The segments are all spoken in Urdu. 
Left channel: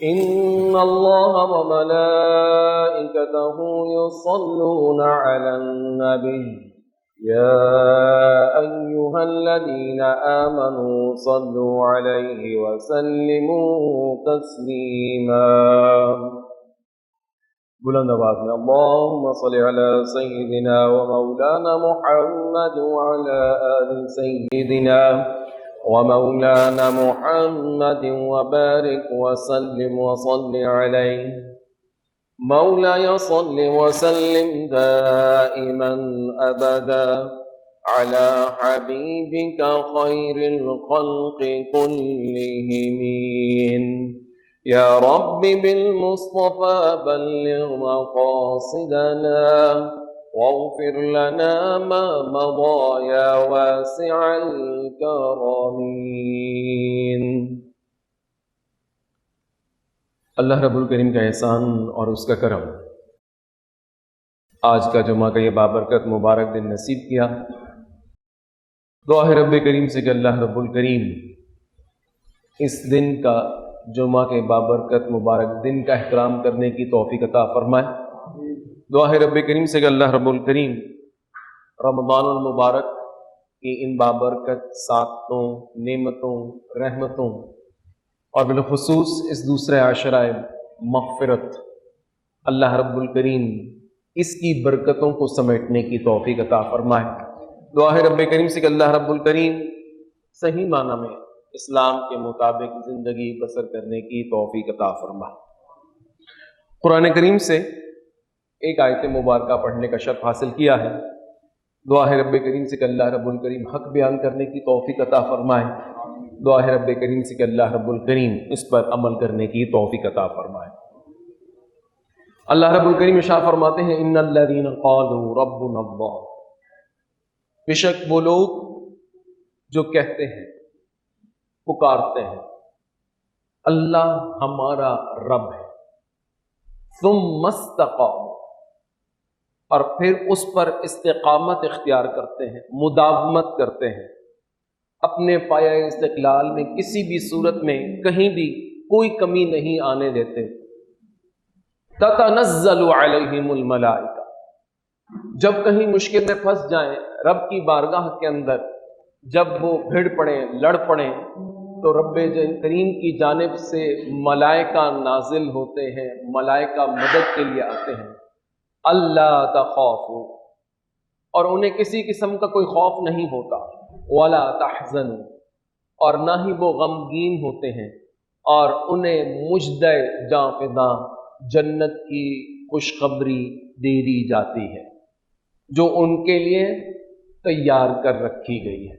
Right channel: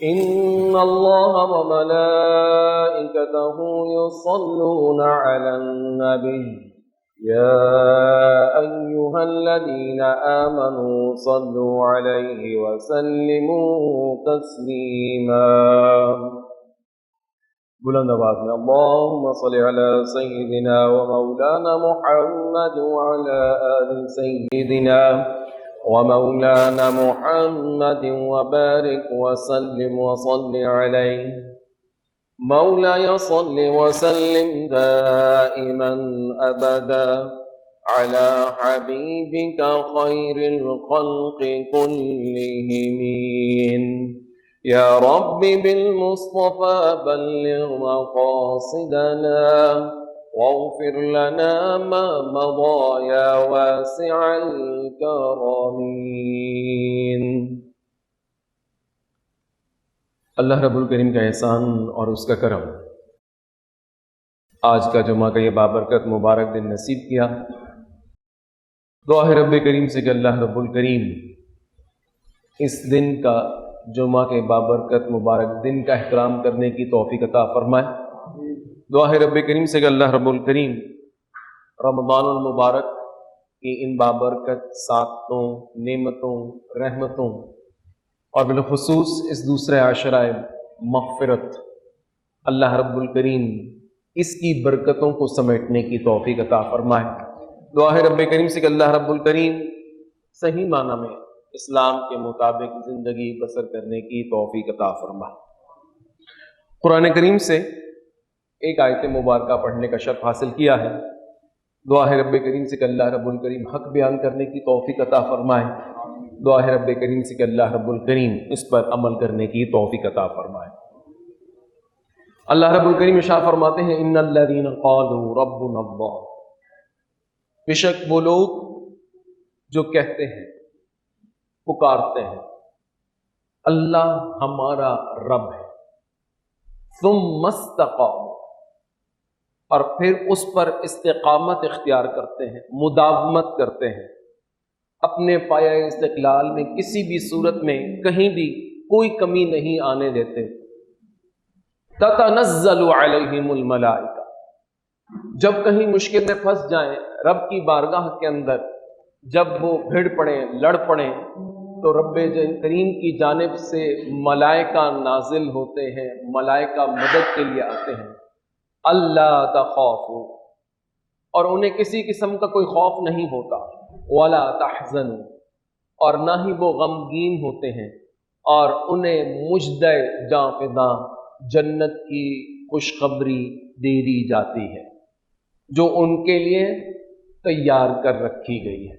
إن الله وملائكته يصلون على النبي يا أيها الذين آمنوا صلوا عليه وسلموا تسليما. بلند آواز میں اللهم صل على سيدنا ومولانا محمد وعلى آل سيدنا ومولانا محمد وبارك وسلم وصل عليه. مولاي صل وسلم دائما أبدا على حبيبك خير الخلق كلهم. يا رب بالمصطفى بلغ مقاصدنا واغفر لنا ما مضى يا واسع الكرم. اللہ رب الکریم کا احسان اور اس کا کرم آج کا جمعہ کا یہ بابرکت مبارک دن نصیب کیا. دعا ہے رب کریم سے کہ اللہ رب الکریم اس دن کا جمعہ کے بابرکت مبارک دن کا احترام کرنے کی توفیق عطا فرمائے. دعا ہے رب کریم سے کہ اللہ رب الکریم رمضان المبارک کی ان بابرکت سعادتوں، نعمتوں، رحمتوں اور بالخصوص اس دوسرے عاشرہ مغفرت اللہ رب الکریم اس کی برکتوں کو سمیٹنے کی توفیق عطا فرمائے. دعا ہے رب کریم سے کہ اللہ رب الکریم صحیح معنی میں اسلام کے مطابق زندگی بسر کرنے کی توفیق عطا فرمائے. قرآن کریم سے ایک آیت مبارکہ پڑھنے کا شرف حاصل کیا ہے. دعا ہے رب کریم سے کہ اللہ رب الکریم حق بیان کرنے کی توفیق عطا فرمائے. دعا ہے رب کریم سے کہ اللہ رب الکریم اس پر عمل کرنے کی توفیق عطا فرمائے. اللہ رب الکریم ارشاد فرماتے ہیں ان الذین قالوا ربنا اللہ، بے شک وہ لوگ جو کہتے ہیں، پکارتے ہیں اللہ ہمارا رب ہے، ثم استقاموا، اور پھر اس پر استقامت اختیار کرتے ہیں، مداومت کرتے ہیں، اپنے پایہ استقلال میں کسی بھی صورت میں کہیں بھی کوئی کمی نہیں آنے دیتے. تتنزل علیہم الملائکہ، جب کہیں مشکل میں پھنس جائیں رب کی بارگاہ کے اندر، جب وہ بھیڑ پڑیں، لڑ پڑیں، تو رب کریم کی جانب سے ملائکہ نازل ہوتے ہیں، ملائکہ مدد کے لیے آتے ہیں. اللہ تخافوا، اور انہیں کسی قسم کا کوئی خوف نہیں ہوتا، ولا تحزنوا، اور نہ ہی وہ غمگین ہوتے ہیں، اور انہیں مژدہ جاں فداں جنت کی خوشخبری دے دی جاتی ہے جو ان کے لیے تیار کر رکھی گئی ہے.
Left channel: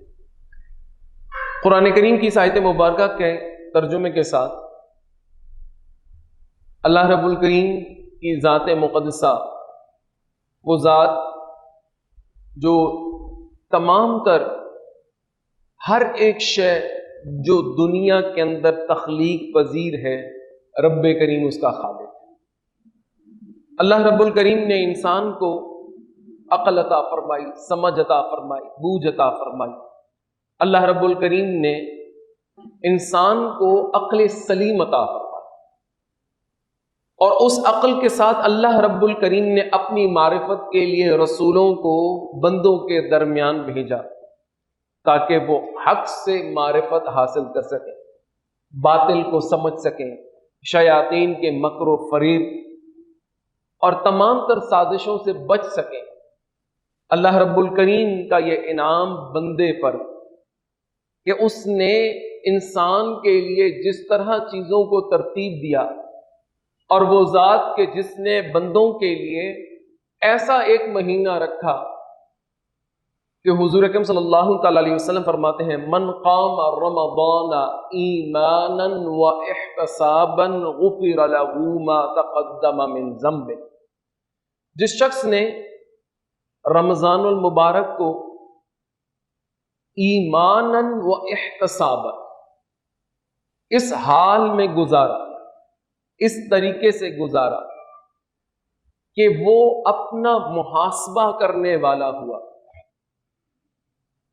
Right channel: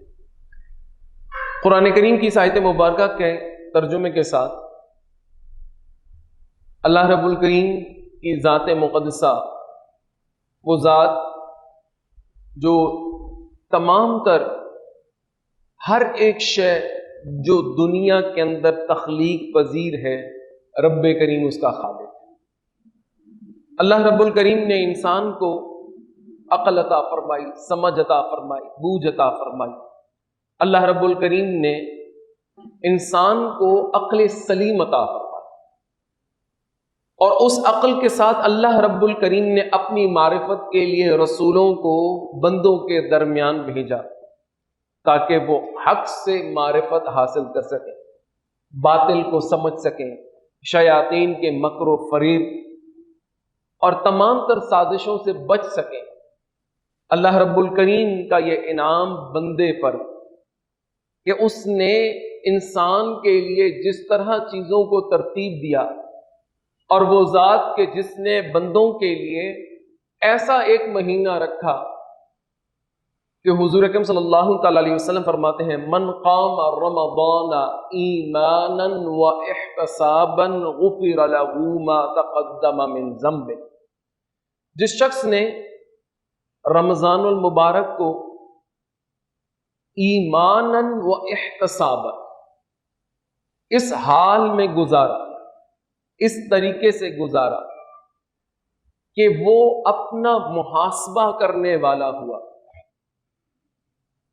قرآن کریم کی اس آیت مبارکہ کے ترجمے کے ساتھ اللہ رب الکریم کی ذات مقدسہ، وہ ذات جو تمام تر ہر ایک شے جو دنیا کے اندر تخلیق پذیر ہے، رب کریم اس کا خالق ہے. اللہ رب الکریم نے انسان کو عقل عطا فرمائی، سمجھ عطا فرمائی، بوجھ عطا فرمائی. اللہ رب الکریم نے انسان کو عقل سلیم عطا فرمائی، اور اس عقل کے ساتھ اللہ رب الکریم نے اپنی معرفت کے لیے رسولوں کو بندوں کے درمیان بھیجا تاکہ وہ حق سے معرفت حاصل کر سکیں، باطل کو سمجھ سکیں، شیاطین کے مکر و فریب اور تمام تر سازشوں سے بچ سکیں. اللہ رب الکریم کا یہ انعام بندے پر کہ اس نے انسان کے لیے جس طرح چیزوں کو ترتیب دیا، اور وہ ذات کہ جس نے بندوں کے لیے ایسا ایک مہینہ رکھا کہ حضور اکرم صلی اللہ تعالی علیہ وسلم فرماتے ہیں من قام رمضان ایمانا واحتسابا غفر له ما تقدم من ذنبه، جس شخص نے رمضان المبارک کو ایمانا واحتسابا اس حال میں گزارا، اس طریقے سے گزارا کہ وہ اپنا محاسبہ کرنے والا ہوا.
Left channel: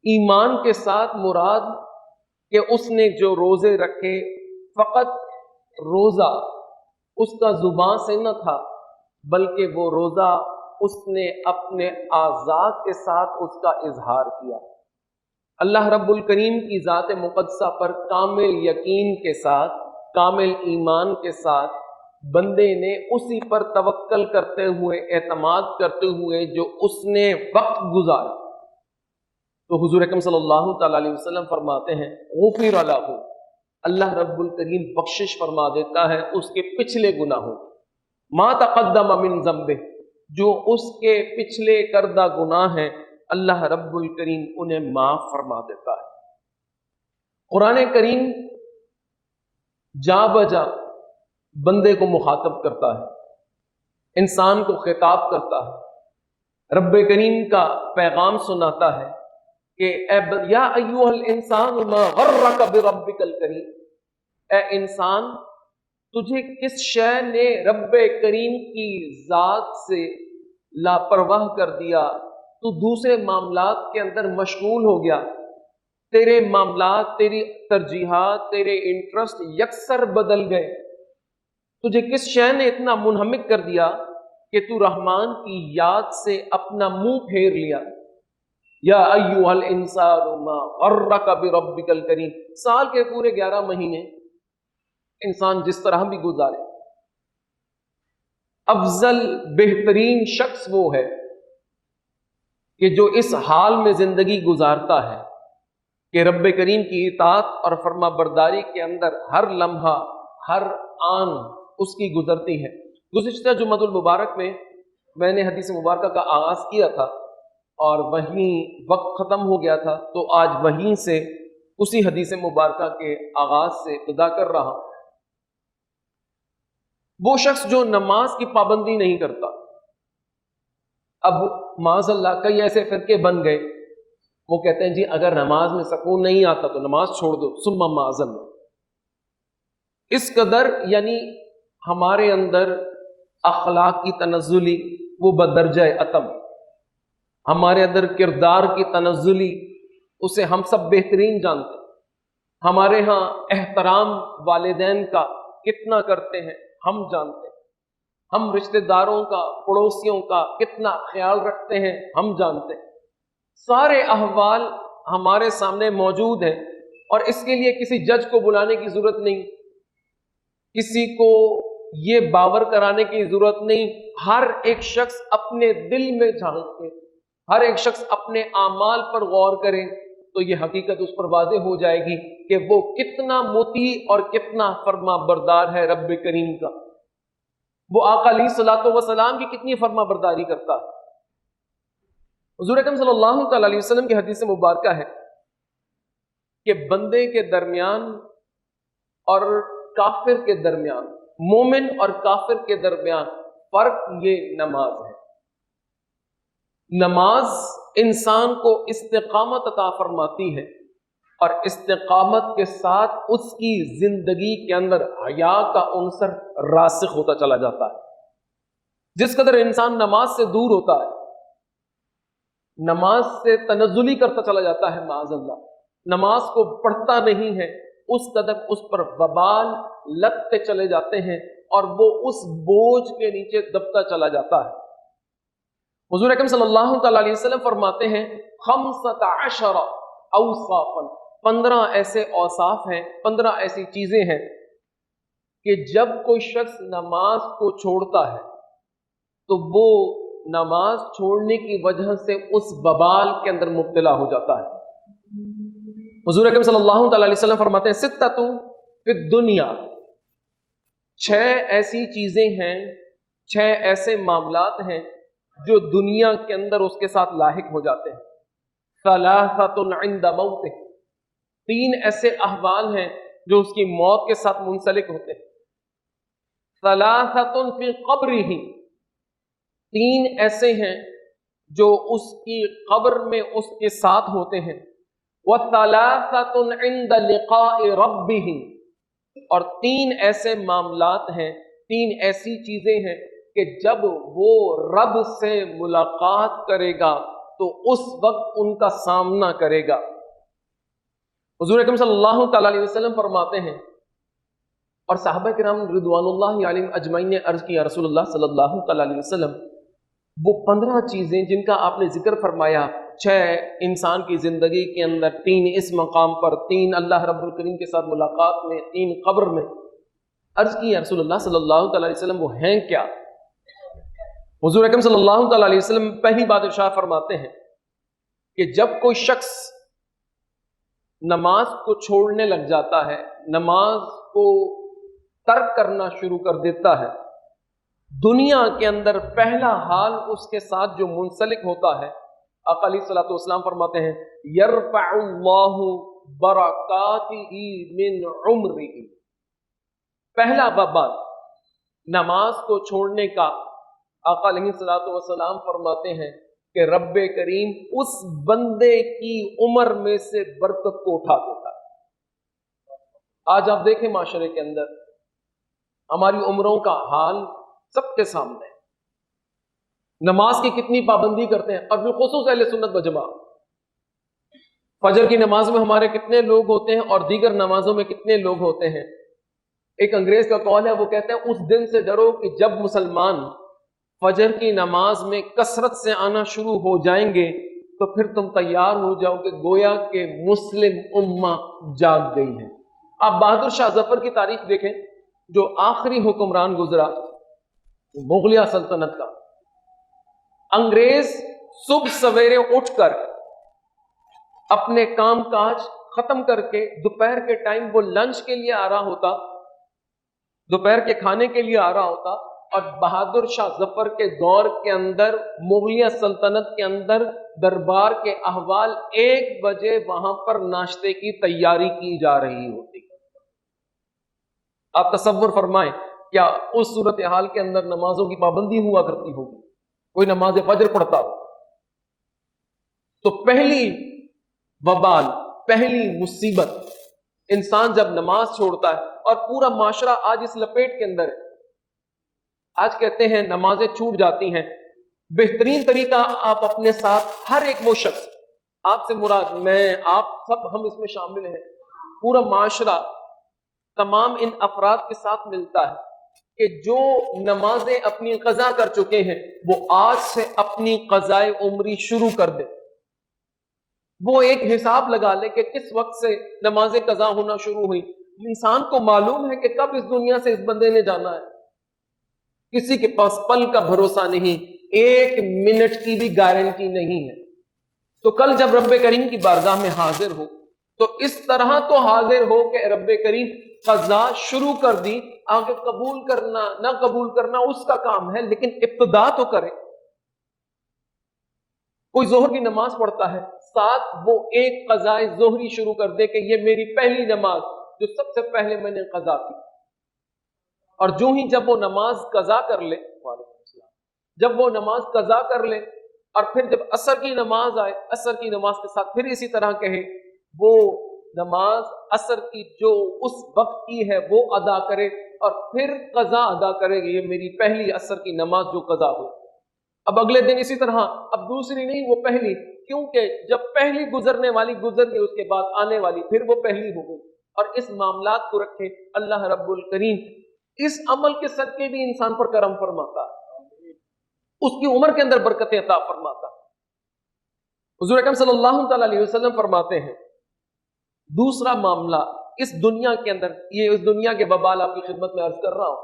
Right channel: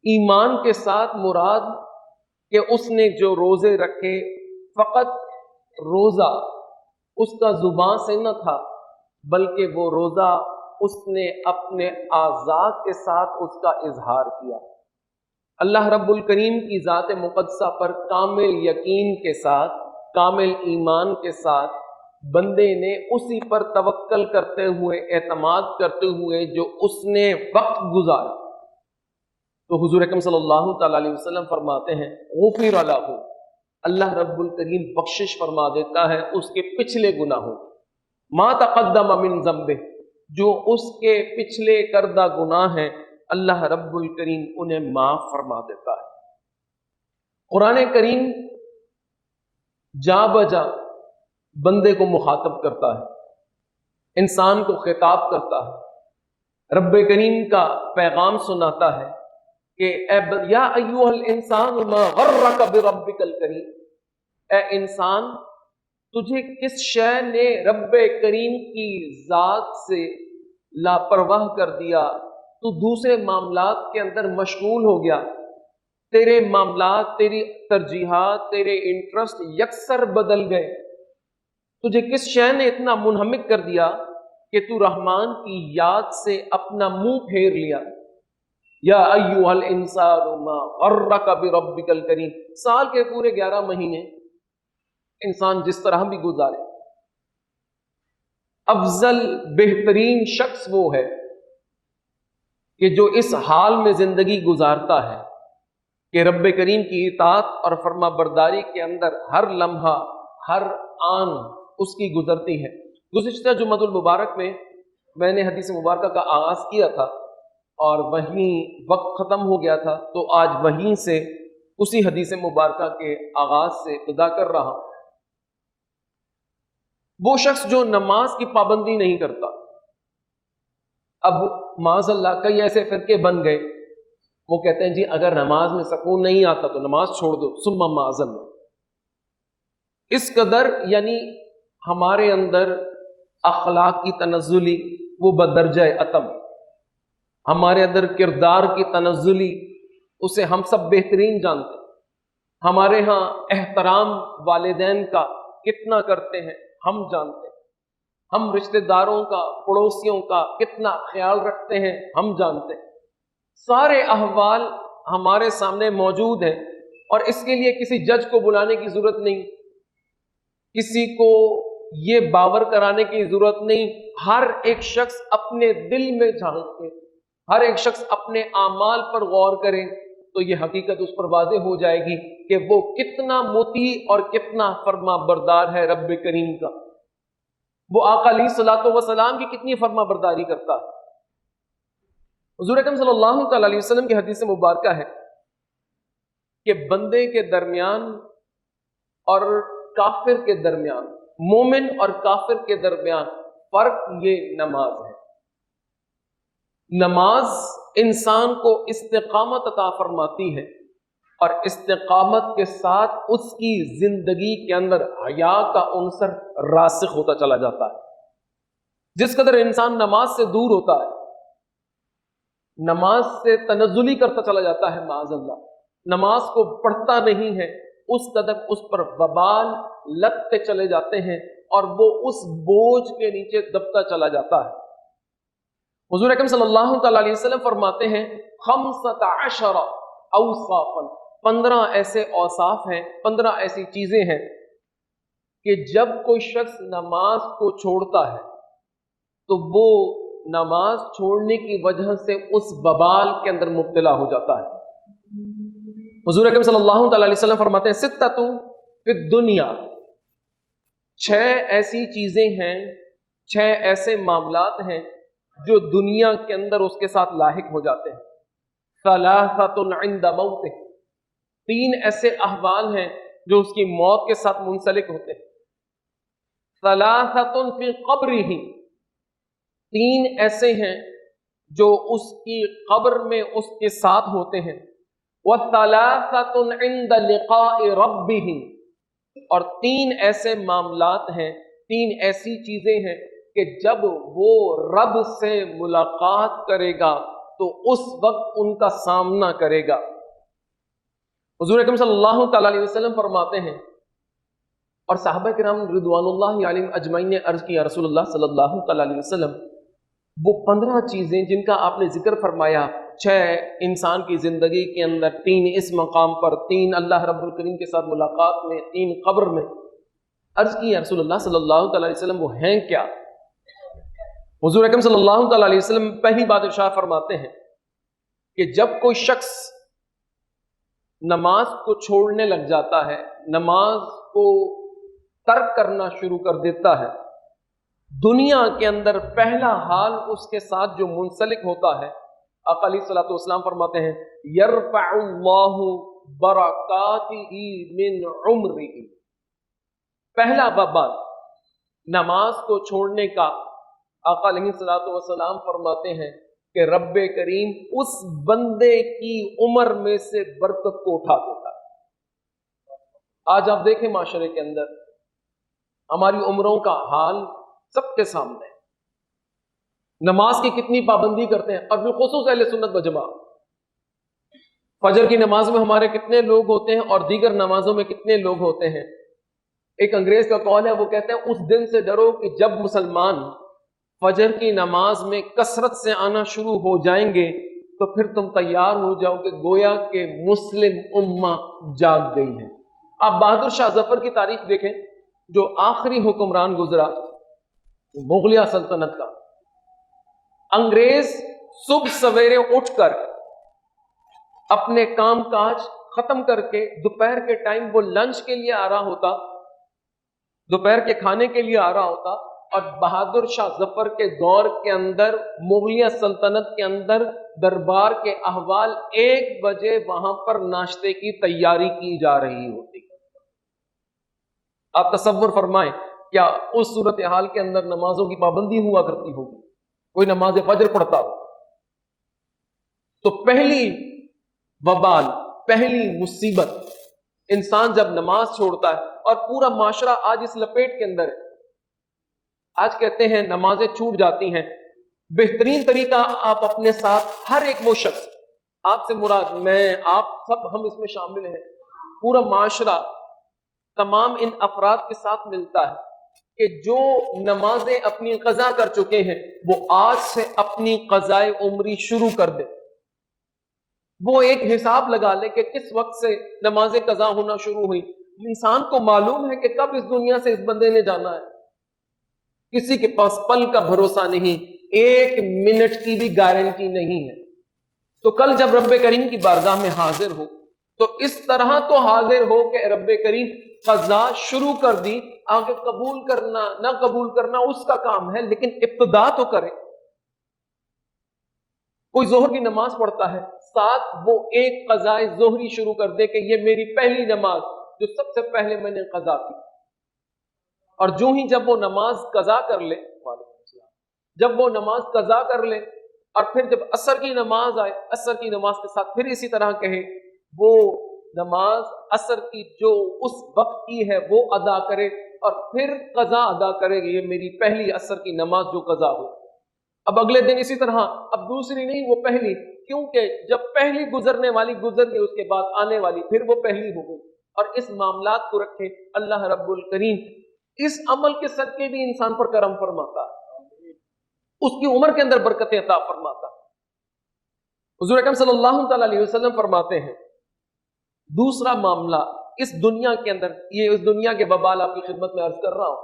ایمان کے ساتھ مراد کہ اس نے جو روزے رکھے فقط روزہ اس کا زبان سے نہ تھا، بلکہ وہ روزہ اس نے اپنے اعضاء کے ساتھ اس کا اظہار کیا۔ اللہ رب الکریم کی ذات مقدسہ پر کامل یقین کے ساتھ، کامل ایمان کے ساتھ بندے نے اسی پر توکل کرتے ہوئے، اعتماد کرتے ہوئے جو اس نے وقت گزارا، تو حضور اکرم صلی اللہ تعالی علیہ وسلم فرماتے ہیں غفر لہ، اللہ رب الکریم بخشش فرما دیتا ہے اس کے پچھلے گناہوں، ما تقدم من ذنبہ، جو اس کے پچھلے کردہ گناہ ہیں اللہ رب الکریم انہیں معاف فرما دیتا ہے۔ قرآن کریم جا بجا بندے کو مخاطب کرتا ہے، انسان کو خطاب کرتا ہے، رب کریم کا پیغام سناتا ہے کہ یا ایھا الانسان ما غرک بربک الکریم، اے انسان تجھے کس شے نے رب کریم کی ذات سے لاپرواہ کر دیا، تو دوسرے معاملات کے اندر مشغول ہو گیا، تیرے معاملات، تیری ترجیحات، تیرے انٹرسٹ یکسر بدل گئے، تجھے کس شے نے اتنا منہمک کر دیا کہ تو رحمان کی یاد سے اپنا منہ پھیر لیا۔ یا ایھا الانسان ما غرک بربک الکریم، سال کے پورے 11 مہینے انسان جس طرح بھی گزارے، افضل بہترین شخص وہ ہے کہ جو اس حال میں زندگی گزارتا ہے کہ رب کریم کی اطاعت اور فرما برداری کے اندر ہر لمحہ، ہر آن اس کی گزرتی ہے۔ گزشتہ جمعۃ المبارک میں نے حدیث مبارکہ کا آغاز کیا تھا اور وہیں وقت ختم ہو گیا تھا، تو آج وہیں سے اسی حدیث مبارکہ کے آغاز سے ابتدا کر رہا ہوں۔ وہ شخص جو نماز کی پابندی نہیں کرتا، اب معاذ اللہ کئی ایسے فرقے بن گئے، وہ کہتے ہیں جی اگر نماز میں سکون نہیں آتا تو نماز چھوڑ دو، ثم معاذ اللہ۔ اس قدر یعنی ہمارے اندر اخلاق کی تنزلی وہ بدرجہ اتم، ہمارے اندر کردار کی تنزلی اسے ہم سب بہترین جانتے ہیں، ہمارے ہاں احترام والدین کا کتنا کرتے ہیں ہم جانتے ہیں، ہم رشتہ داروں کا، پڑوسیوں کا کتنا خیال رکھتے ہیں ہم جانتے ہیں، سارے احوال ہمارے سامنے موجود ہیں، اور اس کے لیے کسی جج کو بلانے کی ضرورت نہیں، کسی کو یہ باور کرانے کی ضرورت نہیں، ہر ایک شخص اپنے دل میں جھانک کے، ہر ایک شخص اپنے اعمال پر غور کرے تو یہ حقیقت اس پر واضح ہو جائے گی کہ وہ کتنا مطیع اور کتنا فرما بردار ہے رب کریم کا، وہ آقا علیہ الصلوۃ والسلام کی کتنی فرما برداری کرتا ہے۔ حضور اکرم صلی اللہ تعالی علیہ وسلم کی حدیث مبارکہ ہے کہ بندے کے درمیان اور کافر کے درمیان، مومن اور کافر کے درمیان فرق یہ نماز ہے۔ نماز انسان کو استقامت عطا فرماتی ہے، اور استقامت کے ساتھ اس کی زندگی کے اندر حیا کا عنصر راسخ ہوتا چلا جاتا ہے۔ جس قدر انسان نماز سے دور ہوتا ہے، نماز سے تنزلی کرتا چلا جاتا ہے معاذ اللہ، نماز کو پڑھتا نہیں ہے، اس قدر اس پر وبال لگتے چلے جاتے ہیں اور وہ اس بوجھ کے نیچے دبتا چلا جاتا ہے۔ حضور اکرم صلی اللہ تعالی علیہ وسلم فرماتے ہیں 15 اوصافا، 15 ایسے اوصاف ہیں، 15 ایسی چیزیں ہیں کہ جب کوئی شخص نماز کو چھوڑتا ہے تو وہ نماز چھوڑنے کی وجہ سے اس وبال کے اندر مبتلا ہو جاتا ہے۔ حضور اکرم صلی اللہ تعالی علیہ وسلم فرماتے ہیں 6 فی الدنیا، 6 ایسی چیزیں ہیں، 6 ایسے معاملات ہیں جو دنیا کے اندر اس کے ساتھ لاحق ہو جاتے ہیں۔ 3 عند موتہ، 3 ایسے احوال ہیں جو اس کی موت کے ساتھ منسلک ہوتے ہیں۔ 3 فی قبرہ، 3 ایسے ہیں جو اس کی قبر میں اس کے ساتھ ہوتے ہیں۔ وَثَلَاثَةٌ عِندَ لِقَاءِ رَبِّهِ، اور 3 ایسے معاملات ہیں، 3 ایسی چیزیں ہیں کہ جب وہ رب سے ملاقات کرے گا تو اس وقت ان کا سامنا کرے گا۔ حضور اکرم صلی اللہ تعالی علیہ وسلم فرماتے ہیں اور صحابہ کرام رضواناللہ علیہم اجمعین نے عرض کیا رسول اللہ صلی اللہ علیہ وسلم وہ 15 چیزیں جن کا آپ نے ذکر فرمایا، 6 انسان کی زندگی کے اندر، 3 اس مقام پر، 3 اللہ رب الکریم کے ساتھ ملاقات میں، 3 قبر میں، عرض کی یا رسول اللہ صلی اللہ علیہ وسلم وہ ہیں کیا؟ حضور اکرم صلی اللہ علیہ وسلم پہلی بات ارشاد فرماتے ہیں کہ جب کوئی شخص نماز کو چھوڑنے لگ جاتا ہے، نماز کو ترک کرنا شروع کر دیتا ہے، دنیا کے اندر پہلا حال اس کے ساتھ جو منسلک ہوتا ہے، آقا علیہ الصلوۃ والسلام فرماتے ہیں یرفع اللہ برکاتہ من عمرہ، پہلا وبال نماز کو چھوڑنے کا آقا علیہ الصلوۃ والسلام فرماتے ہیں کہ رب کریم اس بندے کی عمر میں سے برکت کو اٹھا دیتا ہے۔ آج آپ دیکھیں معاشرے کے اندر ہماری عمروں کا حال سب کے سامنے ہے، نماز کی کتنی پابندی کرتے ہیں، اور بالخصوص اہل سنت و جماعت۔ فجر کی نماز میں ہمارے کتنے لوگ ہوتے ہیں اور دیگر نمازوں میں کتنے لوگ ہوتے ہیں۔ ایک انگریز کا قول ہے، وہ کہتے ہیں اس دن سے ڈرو کہ جب مسلمان فجر کی نماز میں کثرت سے آنا شروع ہو جائیں گے تو پھر تم تیار ہو جاؤ کہ گویا کہ مسلم امہ جاگ گئی ہے۔ آپ بہادر شاہ ظفر کی تاریخ دیکھیں، جو آخری حکمران گزرا مغلیہ سلطنت کا، انگریز صبح سویرے اٹھ کر اپنے کام کاج ختم کر کے دوپہر کے ٹائم وہ لنچ کے لیے آ رہا ہوتا، دوپہر کے کھانے کے لیے آ رہا ہوتا، اور بہادر شاہ ظفر کے دور کے اندر مغلیہ سلطنت کے اندر دربار کے احوال 1 بجے وہاں پر ناشتے کی تیاری کی جا رہی ہوتی۔ آپ تصور فرمائیں کیا اس صورتحال کے اندر نمازوں کی پابندی ہوا کرتی ہوگی، کوئی نماز فجر پڑھتا ہو؟ تو پہلی وبال، پہلی مصیبت، انسان جب نماز چھوڑتا ہے، اور پورا معاشرہ آج اس لپیٹ کے اندر ہے۔ آج کہتے ہیں نمازیں چھوٹ جاتی ہیں، بہترین طریقہ آپ اپنے ساتھ ہر ایک وہ شخص، آپ سے مراد میں، آپ سب، ہم اس میں شامل ہیں، پورا معاشرہ تمام ان افراد کے ساتھ ملتا ہے کہ جو نمازیں اپنی قضا کر چکے ہیں وہ آج سے اپنی قضائے عمری شروع کر دیں۔ وہ ایک حساب لگا لے کہ کس وقت سے نمازیں قضا ہونا شروع ہوئی۔ انسان کو معلوم ہے کہ کب اس دنیا سے اس بندے نے جانا ہے، کسی کے پاس پل کا بھروسہ نہیں، 1 منٹ کی بھی گارنٹی نہیں ہے۔ تو کل جب رب کریم کی بارگاہ میں حاضر ہو تو اس طرح تو حاضر ہو کہ رب کریم قضا شروع کر دی، آگے قبول کرنا نہ قبول کرنا اس کا کام ہے، لیکن ابتدا تو کرے۔ کوئی ظہر کی نماز پڑھتا ہے، ساتھ وہ ایک قضائے ظہری شروع کر دے کہ یہ میری پہلی نماز جو سب سے پہلے میں نے قضا کی، اور جو ہی جب وہ نماز قضا کر لے، جب وہ نماز قضا کر لے اور پھر جب عصر کی نماز آئے، عصر کی نماز کے ساتھ پھر اسی طرح کہیں وہ نماز عصر کی جو اس وقت کی ہے وہ ادا کرے، اور پھر قضا ادا کرے گا، یہ میری پہلی عصر کی نماز جو قضا ہو۔ اب اگلے دن اسی طرح، اب دوسری نہیں وہ پہلی، کیونکہ جب پہلی گزرنے والی گزر گئی اس کے بعد آنے والی پھر وہ پہلی ہو گئی۔ اور اس معاملات کو رکھے اللہ رب الکریم اس عمل کے صدقے بھی انسان پر کرم فرماتا، اس کی عمر کے اندر برکت عطا فرماتا۔ حضور اکرم صلی اللہ علیہ وسلم فرماتے ہیں دوسرا معاملہ اس دنیا کے اندر، یہ اس دنیا کے وبال آپ کی خدمت میں عرض کر رہا ہوں،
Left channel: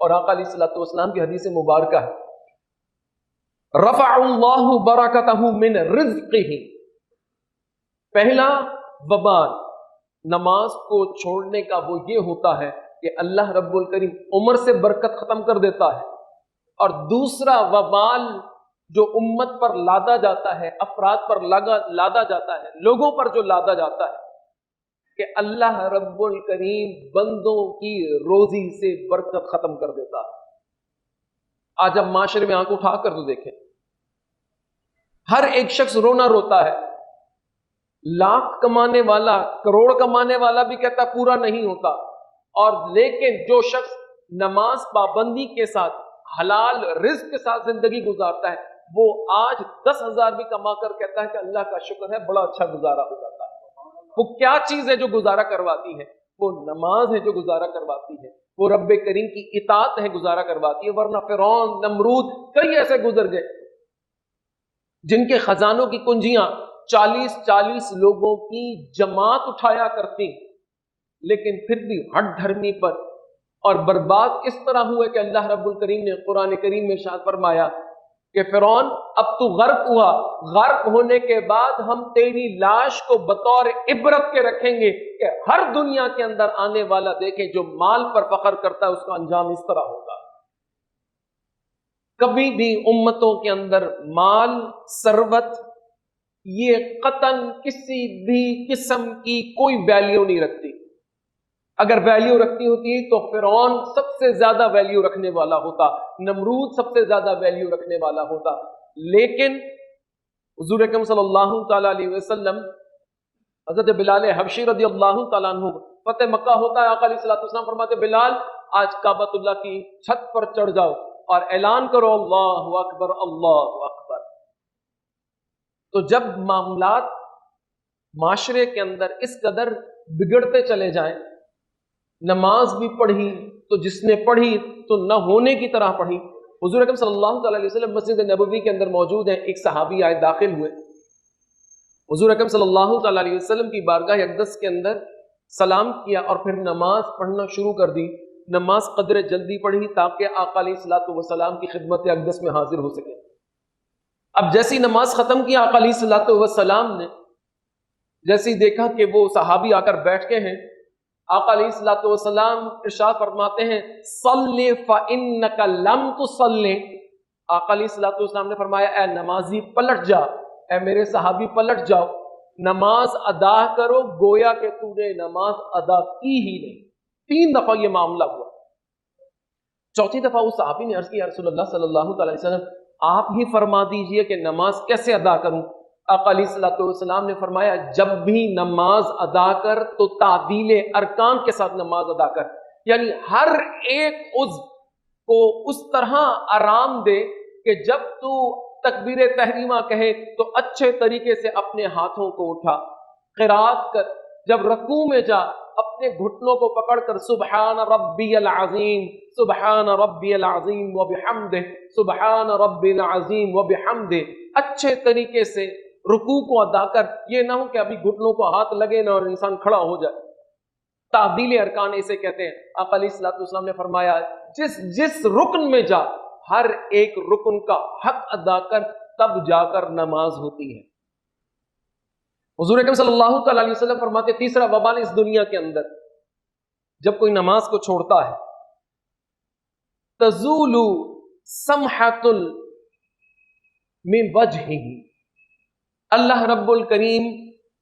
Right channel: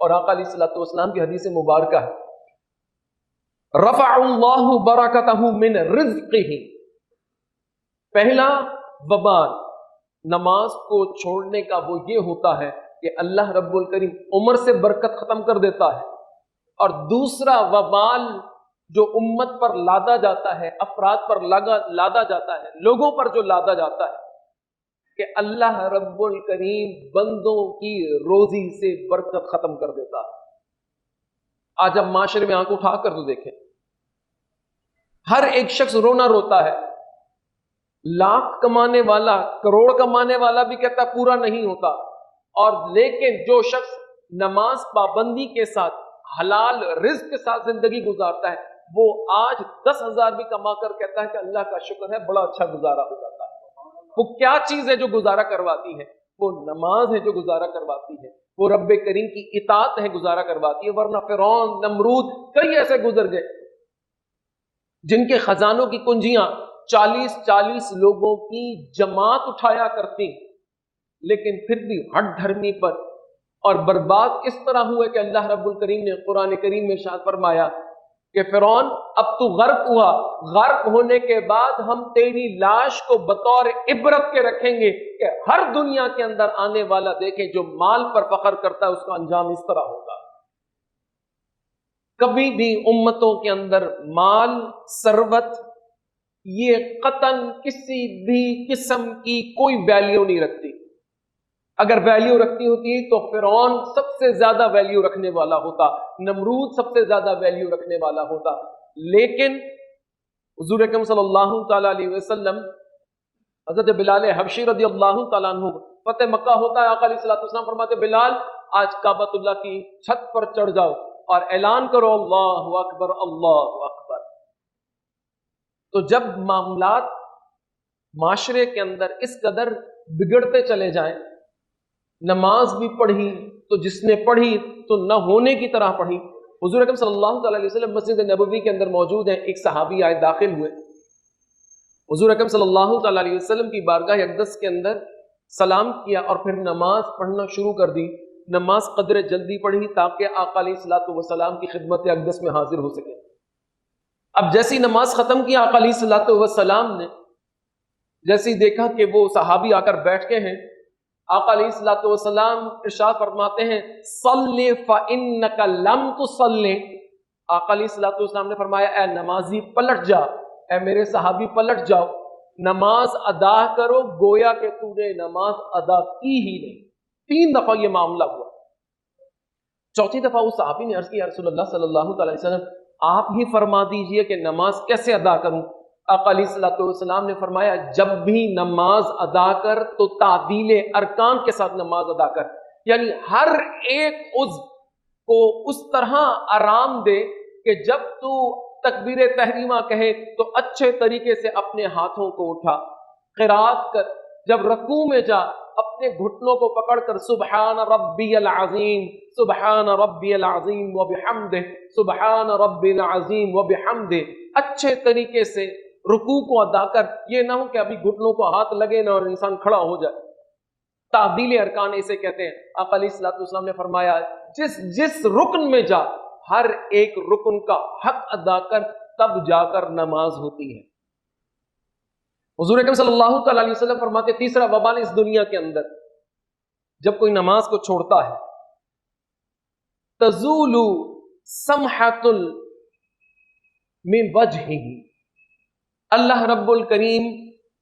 اور آقا علیہ الصلوۃ والسلام کی حدیث مبارکہ ہے، رفع اللہ برکتہ من رزقہ، پہلا وبال نماز کو چھوڑنے کا وہ یہ ہوتا ہے کہ اللہ رب الکریم عمر سے برکت ختم کر دیتا ہے، اور دوسرا وبال جو امت پر لادا جاتا ہے، افراد پر لادا جاتا ہے، لوگوں پر جو لادا جاتا ہے کہ اللہ رب الکریم بندوں کی روزی سے برکت ختم کر دیتا ہے۔ آج اب معاشرے میں آنکھ اٹھا کر تو دیکھیں، ہر ایک شخص رونا روتا ہے، لاکھ کمانے والا، کروڑ کمانے والا بھی کہتا ہے پورا نہیں ہوتا، اور لیکن جو شخص نماز پابندی کے ساتھ حلال رزق کے ساتھ زندگی گزارتا ہے وہ آج 10,000 بھی کما کر کہتا ہے کہ اللہ کا شکر ہے بڑا اچھا گزارا ہو جاتا ہے۔ وہ کیا چیز ہے جو گزارا کرواتی ہے؟ وہ نماز ہے جو گزارا کرواتی ہے۔ وہ رب کریم کی اطاعت ہے گزارا کرواتی ہے، ورنہ فرعون، نمرود، کئی ایسے گزر گئے جن کے خزانوں کی کنجیاں 40 لوگوں کی جماعت اٹھایا کرتی، لیکن پھر بھی ہٹ دھرمی پر اور برباد کس طرح ہوئے کہ اللہ رب الکریم نے قرآن کریم میں ارشاد فرمایا کہ فرعون اب تو غرق ہوا، غرق ہونے کے بعد ہم تیری لاش کو بطور عبرت کے رکھیں گے کہ ہر دنیا کے اندر آنے والا دیکھیں جو مال پر فخر کرتا ہے اس کا انجام اس طرح ہوگا۔ کبھی بھی امتوں کے اندر مال، ثروت، یہ قطعاً کسی بھی قسم کی کوئی ویلیو نہیں رکھتی۔ اگر ویلیو رکھتی ہوتی تو فرعون سب سے زیادہ ویلیو رکھنے والا ہوتا، نمرود سب سے زیادہ ویلیو رکھنے والا ہوتا، لیکن حضور اکرم صلی اللہ تعالیٰ علیہ وسلم، حضرت بلال حبشی رضی اللہ تعالیٰ عنہ، فتح مکہ ہوتا ہے، آقا علیہ السلام فرماتے بلال آج کعبۃ اللہ کی چھت پر چڑھ جاؤ اور اعلان کرو اللہ اکبر اللہ اکبر۔ تو جب معاملات معاشرے کے اندر اس قدر بگڑتے چلے جائیں، نماز بھی پڑھی تو جس نے پڑھی تو نہ ہونے کی طرح پڑھی۔ حضور اکرم صلی اللہ تعالیٰ علیہ وسلم مسجد نبوی کے اندر موجود ہیں، ایک صحابی آئے، داخل ہوئے، حضور اکرم صلی اللہ تعالیٰ علیہ وسلم کی بارگاہ اقدس کے اندر سلام کیا اور پھر نماز پڑھنا شروع کر دی۔ نماز قدر جلدی پڑھی تاکہ آقا علیہ الصلوۃ والسلام کی خدمت اقدس میں حاضر ہو سکے۔ اب جیسی نماز ختم کی آقا علیہ الصلوۃ والسلام نے جیسی دیکھا کہ وہ صحابی آ کر بیٹھ کے ہیں، آقا علیہ الصلوۃ والسلام ارشاد فرماتے ہیں صلی فإنک لم تصلی۔ آقا علیہ الصلوۃ والسلام نے فرمایا اے نمازی پلٹ جا، اے میرے صحابی پلٹ جاؤ، نماز ادا کرو گویا کہ تو نے نماز ادا کی ہی نہیں۔ 3 دفعہ یہ معاملہ ہوا۔ چوتھی دفعہ اس صحابی نے عرض کی یا رسول اللہ صلی اللہ تعالی وسلم آپ ہی فرما دیجئے کہ نماز کیسے ادا کروں۔ آقا علیہ الصلوۃ والسلام نے فرمایا جب بھی نماز ادا کر تو تعدیل ارکان کے ساتھ نماز ادا کر، یعنی ہر ایک عضو کو اس طرح آرام دے کہ جب تو تکبیر تحریمہ کہے تو اچھے طریقے سے اپنے ہاتھوں کو اٹھا، قرات کر، جب رکوع میں جا اپنے گھٹنوں کو پکڑ کر سبحان ربی العظیم سبحان ربی العظیم وبحمدہ سبحان ربی العظیم وبحمدہ، اچھے طریقے سے رکوع کو ادا کر۔ یہ نہ ہو کہ ابھی گھٹنوں کو ہاتھ لگے نہ اور انسان کھڑا ہو جائے۔ تعدیل ارکان اسے کہتے ہیں۔ آقا علیہ الصلوۃ والسلام نے فرمایا جس رکن میں جا ہر ایک رکن کا حق ادا کر، تب جا کر نماز ہوتی ہے۔ حضور اکرم صلی اللہ تعالی علیہ وسلم فرماتے تیسرا وبال اس دنیا کے اندر جب کوئی نماز کو چھوڑتا ہے تزول سمحۃ من وجہہ، اللہ رب الکریم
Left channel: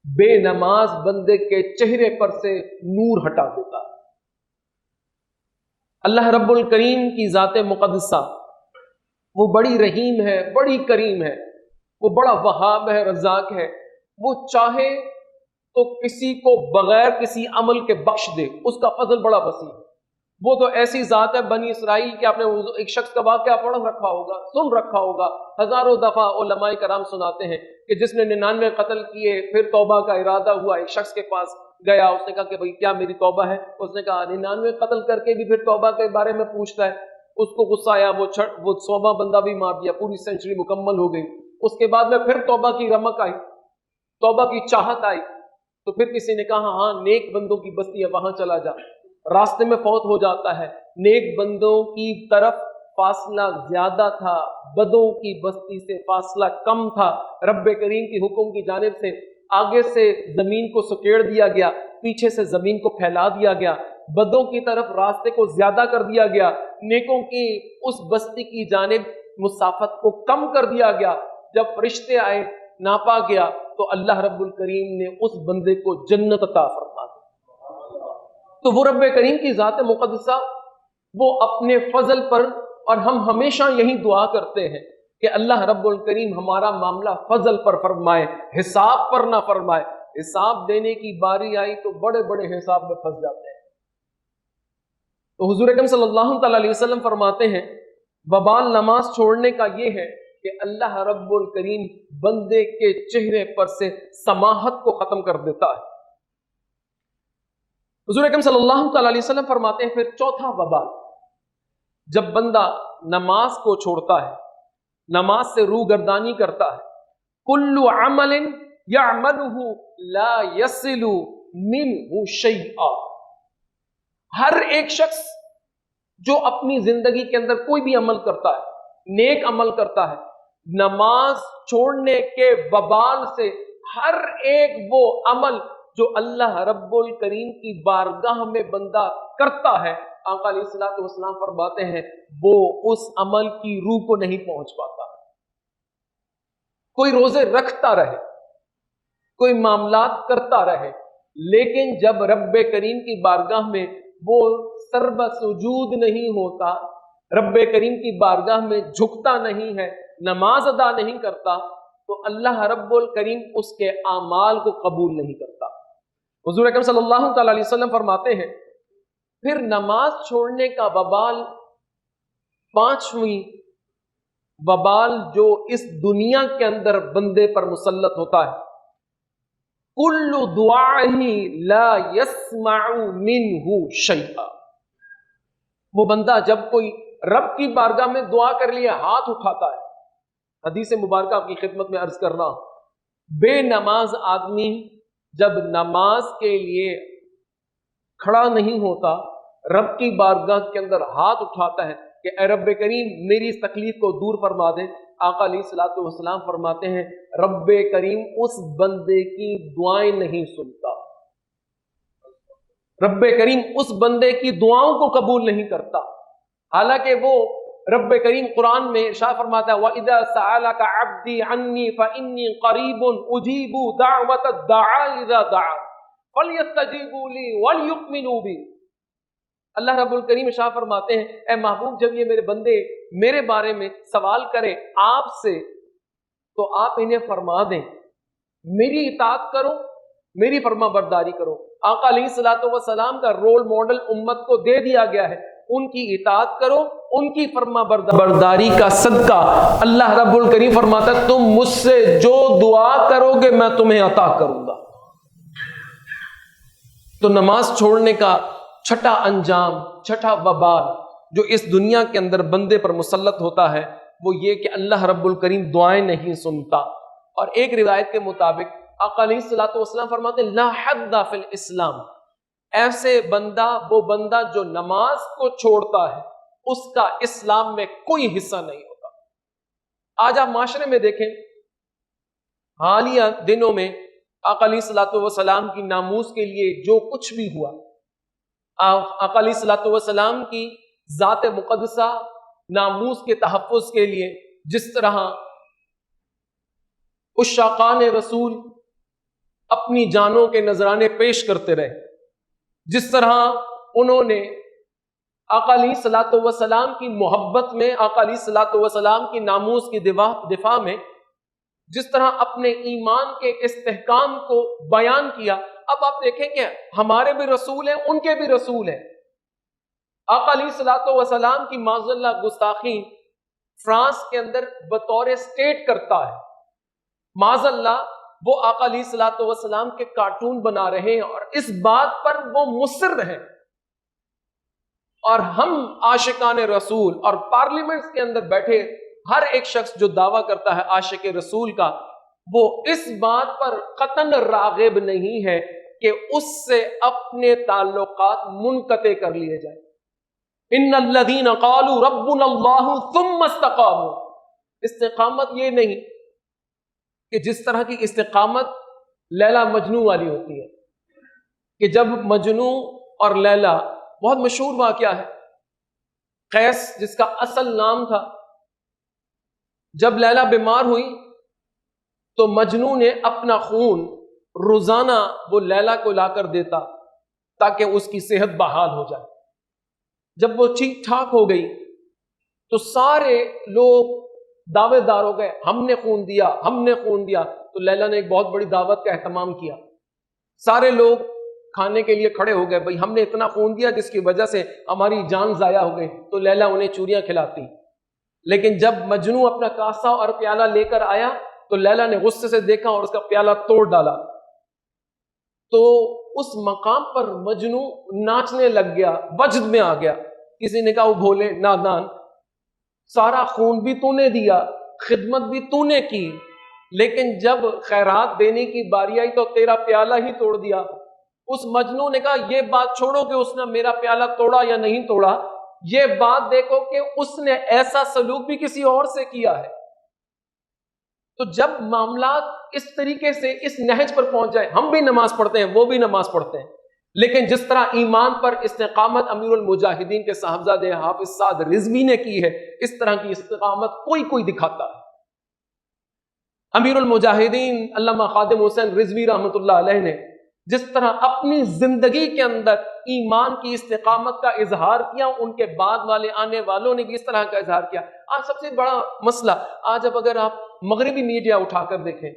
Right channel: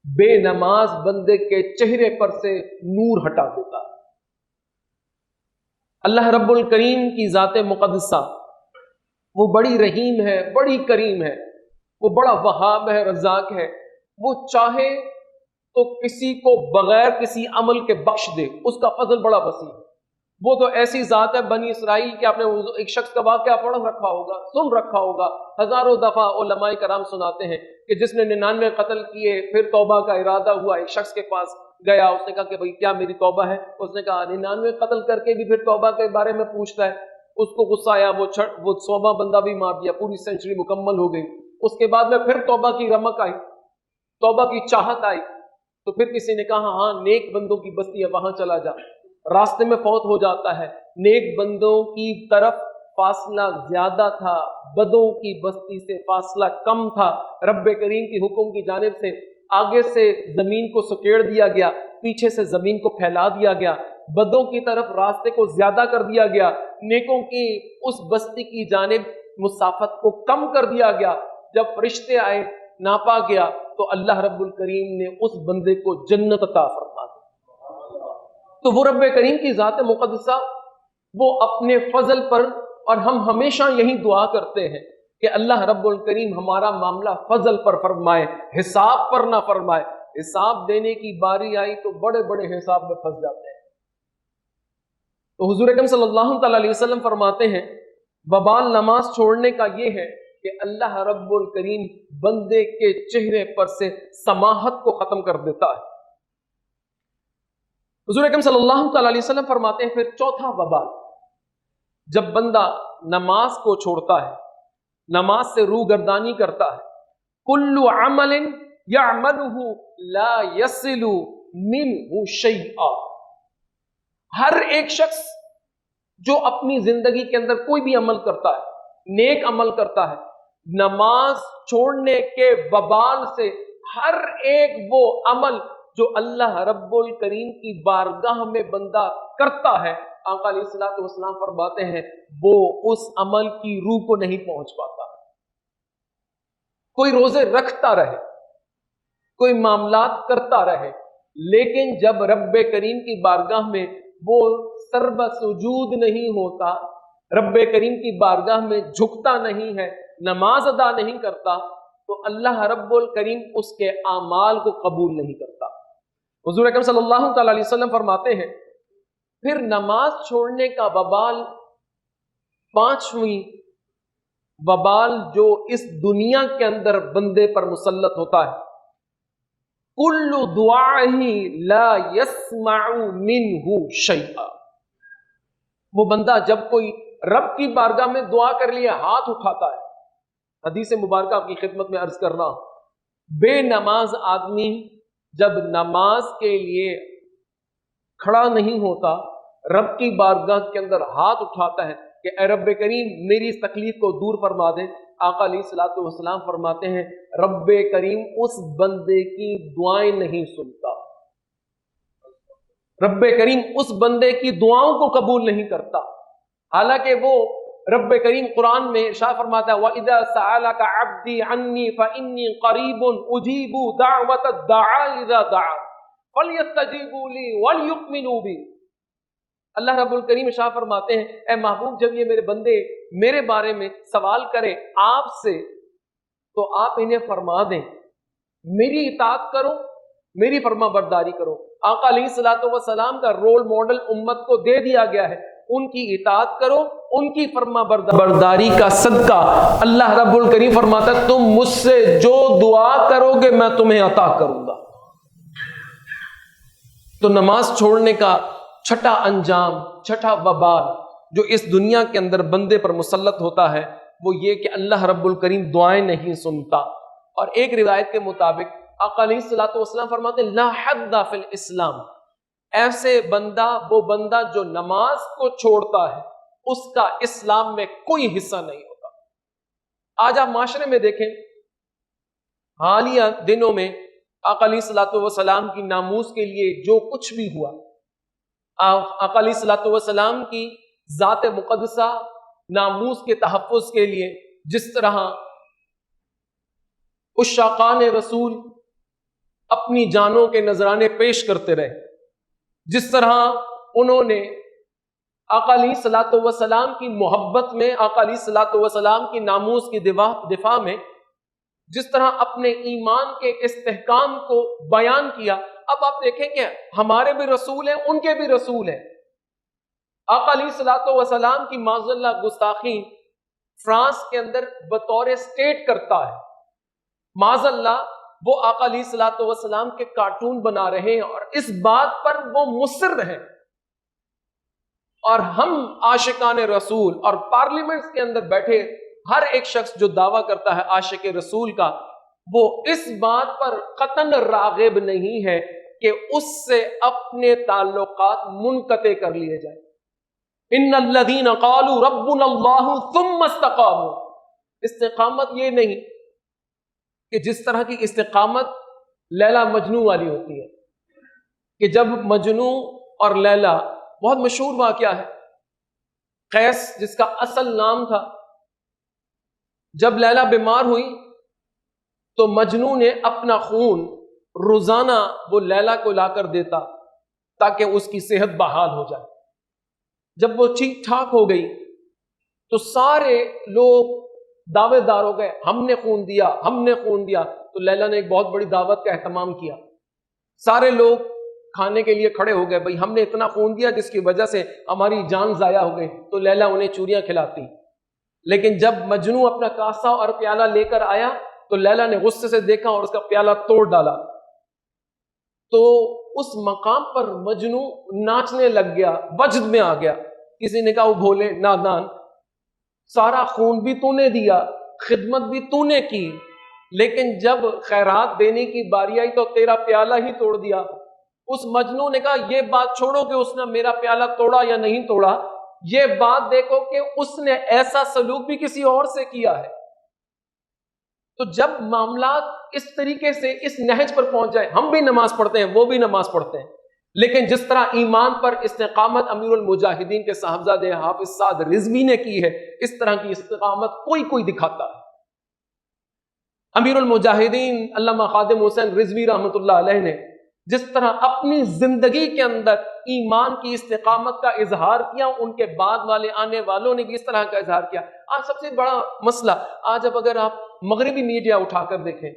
بے نماز بندے کے چہرے پر سے نور ہٹا دیتا۔ اللہ رب الکریم کی ذات مقدسہ وہ بڑی رحیم ہے، بڑی کریم ہے، وہ بڑا وہاب ہے، رزاق ہے۔ وہ چاہے تو کسی کو بغیر کسی عمل کے بخش دے، اس کا فضل بڑا وسیع ہے۔ وہ تو ایسی ذات ہے بنی اسرائیل کہ آپ نے ایک شخص کا واقعہ پڑھ رکھا ہوگا، سن رکھا ہوگا، ہزاروں دفعہ علماء کرام سناتے ہیں کہ جس نے 99 قتل کیے پھر توبہ کا ارادہ ہوا، ایک شخص کے پاس گیا، اس نے کہا کہ بھئی کیا میری توبہ ہے؟ اس نے کہا 99 قتل کر کے بھی پھر توبہ کے بارے میں پوچھتا ہے۔ اس کو غصہ آیا، وہ 100واں بندہ بھی مار دیا، پوری سینچری مکمل ہو گئی۔ اس کے بعد میں پھر توبہ کی رمق آئی، توبہ کی چاہت آئی، تو پھر کسی نے کہا ہاں نیک بندوں کی بستی ہے وہاں چلا جا۔ راستے میں فوت ہو جاتا ہے، نیک بندوں کی طرف فاصلہ زیادہ تھا، بدوں کی بستی سے فاصلہ کم تھا۔ رب کریم کی حکم کی جانب سے آگے سے زمین کو سکیڑ دیا گیا، پیچھے سے زمین کو پھیلا دیا گیا، بدوں کی طرف راستے کو زیادہ کر دیا گیا، نیکوں کی اس بستی کی جانب مسافت کو کم کر دیا گیا۔ جب فرشتے آئے ناپا گیا تو اللہ رب الکریم نے اس بندے کو جنت عطا فرما دی۔ تو وہ رب کریم کی ذات مقدسہ وہ اپنے فضل پر، اور ہم ہمیشہ یہی دعا کرتے ہیں کہ اللہ رب الکریم ہمارا معاملہ فضل پر فرمائے، حساب پر نہ فرمائے۔ حساب دینے کی باری آئی تو بڑے بڑے حساب میں پھنس جاتے ہیں۔ تو حضور اکرم صلی اللہ تعالی علیہ وسلم فرماتے ہیں وبال نماز چھوڑنے کا یہ ہے کہ اللہ رب الکریم بندے کے چہرے پر سے سماحت کو ختم کر دیتا ہے۔ حضور اکرم صلی اللہ تعالی علیہ وسلم فرماتے ہیں پھر چوتھا وبال، جب بندہ نماز کو چھوڑتا ہے، نماز سے روگردانی کرتا ہے، کل عمل یعملہ لا یصل منہ شیئا، ہر ایک شخص جو اپنی زندگی کے اندر کوئی بھی عمل کرتا ہے، نیک عمل کرتا ہے، نماز چھوڑنے کے وبال سے ہر ایک وہ عمل جو اللہ رب الکریم کی بارگاہ میں بندہ کرتا ہے، آقا علیہ الصلوۃ والسلام فرماتے ہیں وہ اس عمل کی روح کو نہیں پہنچ پاتا۔ کوئی روزے رکھتا رہے، کوئی معاملات کرتا رہے، لیکن جب رب کریم کی بارگاہ میں وہ سرب سجود نہیں ہوتا، رب کریم کی بارگاہ میں جھکتا نہیں ہے، نماز ادا نہیں کرتا، تو اللہ رب الکریم اس کے اعمال کو قبول نہیں کرتا۔ حضور اکرم صلی اللہ تعالی علیہ وسلم فرماتے ہیں پھر نماز چھوڑنے کا وبال، پانچویں وبال جو اس دنیا کے اندر بندے پر مسلط ہوتا ہے، کل دعاء لا يسمع منہ شیئا، وہ بندہ جب کوئی رب کی بارگاہ میں دعا کر لیا ہاتھ اٹھاتا ہے، حدیث مبارکہ آپ کی خدمت میں عرض کرنا، بے نماز آدمی جب نماز کے لیے کھڑا نہیں ہوتا، رب کی بارگاہ کے اندر ہاتھ اٹھاتا ہے کہ اے رب کریم میری اس تکلیف کو دور فرما دے، آقا علیہ الصلوۃ والسلام فرماتے ہیں رب کریم اس بندے کی دعائیں نہیں سنتا، رب کریم اس بندے کی دعاؤں کو قبول نہیں کرتا، حالانکہ وہ رب کریم قرآن میں ارشاد فرماتا ہے وَإِذَا سَأَلَكَ عَبْدِي عَنِّي فَإِنِّي قَرِيبٌ أُجِيبُ دَعْوَةَ الدَّاعِ إِذَا دَعَانِ فَلْيَسْتَجِيبُوا لِي وَلْيُؤْمِنُوا بِي۔ اللہ رب الکریم ارشاد فرماتے ہیں اے محبوب جب یہ میرے بندے میرے بارے میں سوال کریں آپ سے تو آپ انہیں فرما دیں میری اطاعت کرو، میری فرما برداری کرو۔ آقا علیہ الصلوۃ والسلام کا رول ماڈل امت کو دے دیا گیا ہے، ان کی اطاعت کرو، ان کی فرما برداری کا صدقہ اللہ رب الکریم فرماتا ہے تم مجھ سے جو دعا کرو گے میں تمہیں عطا کروں گا۔ تو نماز چھوڑنے کا چھٹا انجام، چھٹا وبال جو اس دنیا کے اندر بندے پر مسلط ہوتا ہے وہ یہ کہ اللہ رب الکریم دعائیں نہیں سنتا۔ اور ایک روایت کے مطابق آقا علیہ الصلوۃ والسلام فرماتے لا حد فی الاسلام، ایسے بندہ وہ بندہ جو نماز کو چھوڑتا ہے اس کا اسلام میں کوئی حصہ نہیں ہوتا۔ آج آپ معاشرے میں دیکھیں حالیہ دنوں میں آقا علیہ الصلوۃ والسلام کی ناموس کے لیے جو کچھ بھی ہوا، آقا علیہ الصلوۃ والسلام کی ذات مقدسہ ناموس کے تحفظ کے لیے جس طرح عشاقان رسول اپنی جانوں کے نذرانے پیش کرتے رہے، جس طرح انہوں نے آقا علیہ الصلوۃ والسلام کی محبت میں، آقا علیہ الصلوۃ والسلام کی ناموس کی دفاع میں جس طرح اپنے ایمان کے استحکام کو بیان کیا، اب آپ دیکھیں کہ ہمارے بھی رسول ہیں، ان کے بھی رسول ہیں۔ آقا علیہ الصلوۃ والسلام کی معاذ اللہ گستاخی فرانس کے اندر بطور اسٹیٹ کرتا ہے، معاذ اللہ وہ آقا علیہ الصلوۃ والسلام کے کارٹون بنا رہے ہیں اور اس بات پر وہ مصر ہیں، اور ہم عاشقان رسول اور پارلیمنٹس کے اندر بیٹھے ہر ایک شخص جو دعویٰ کرتا ہے عاشق رسول کا، وہ اس بات پر قطعاً راغب نہیں ہے کہ اس سے اپنے تعلقات منقطع کر لیے جائیں۔ ان الذین قالوا ربنا اللہ ثم استقاموا، استقامت یہ نہیں کہ جس طرح کی استقامت لیلا مجنوں والی ہوتی ہے کہ جب مجنوں اور لیلا، بہت مشہور واقعہ ہے، قیس جس کا اصل نام تھا، جب لیلا بیمار ہوئی تو مجنوں نے اپنا خون روزانہ وہ لیلا کو لا کر دیتا تاکہ اس کی صحت بحال ہو جائے۔ جب وہ ٹھیک ٹھاک ہو گئی تو سارے لوگ دعوے دار ہو گئے، ہم نے خون دیا، ہم نے خون دیا۔ تو لیلا نے ایک بہت بڑی دعوت کا اہتمام کیا، سارے لوگ کھانے کے لیے کھڑے ہو گئے، بھئی ہم نے اتنا خون دیا جس کی وجہ سے ہماری جان ضائع ہو گئی۔ تو لیلا انہیں چوریاں کھلاتی، لیکن جب مجنوں اپنا کاسہ اور پیالہ لے کر آیا تو لیلا نے غصے سے دیکھا اور اس کا پیالہ توڑ ڈالا۔ تو اس مقام پر مجنو ناچنے لگ گیا، وجد میں آ گیا. کسی نے کہا وہ بھولے نادان، سارا خون بھی تو نے دیا، خدمت بھی تو نے کی، لیکن جب خیرات دینے کی باری آئی تو تیرا پیالہ ہی توڑ دیا. اس مجنو نے کہا یہ بات چھوڑو کہ اس نے میرا پیالہ توڑا یا نہیں توڑا، یہ بات دیکھو کہ اس نے ایسا سلوک بھی کسی اور سے کیا ہے. تو جب معاملات اس طریقے سے اس نہج پر پہنچ جائے، ہم بھی نماز پڑھتے ہیں، وہ بھی نماز پڑھتے ہیں، لیکن جس طرح ایمان پر استقامت امیر المجاہدین کے صاحبزادے حافظ سعد رضوی نے کی ہے، اس طرح کی استقامت کوئی دکھاتا ہے. امیر المجاہدین علامہ خادم حسین رضوی رحمۃ اللہ علیہ نے جس طرح اپنی زندگی کے اندر ایمان کی استقامت کا اظہار کیا، ان کے بعد والے آنے والوں نے بھی اس طرح کا اظہار کیا. آج سب سے بڑا مسئلہ، آج اب اگر آپ مغربی میڈیا اٹھا کر دیکھیں،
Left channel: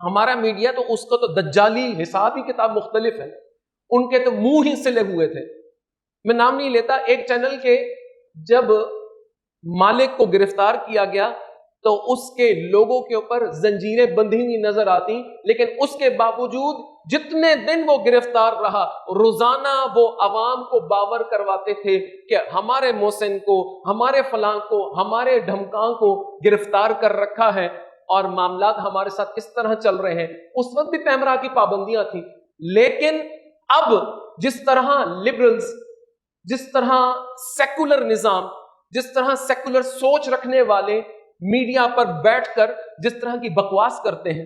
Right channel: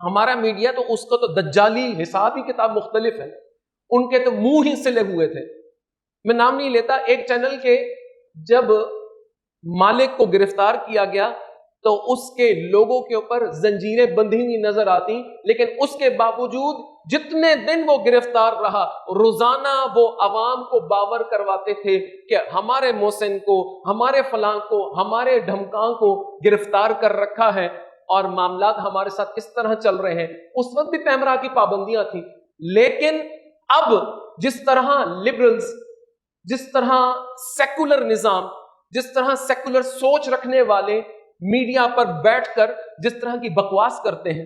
ہمارا میڈیا تو اس کو تو دجالی حسابی کتاب مختلف ہے، ان کے تو منہ ہی سلے ہوئے تھے. میں نام نہیں لیتا، ایک چینل کے جب مالک کو گرفتار کیا گیا تو اس کے لوگوں کے اوپر زنجیریں بندھی ہوئی نظر آتی، لیکن اس کے باوجود جتنے دن وہ گرفتار رہا، روزانہ وہ عوام کو باور کرواتے تھے کہ ہمارے محسن کو، ہمارے فلاں کو، ہمارے ڈھمکاں کو گرفتار کر رکھا ہے اور معاملات ہمارے ساتھ اس طرح چل رہے ہیں. اس وقت بھی پیمرا کی پابندیاں تھیں، لیکن اب جس طرح لبرلز، جس طرح سیکولر نظام، جس طرح سیکولر سوچ رکھنے والے میڈیا پر بیٹھ کر جس طرح کی بکواس کرتے ہیں،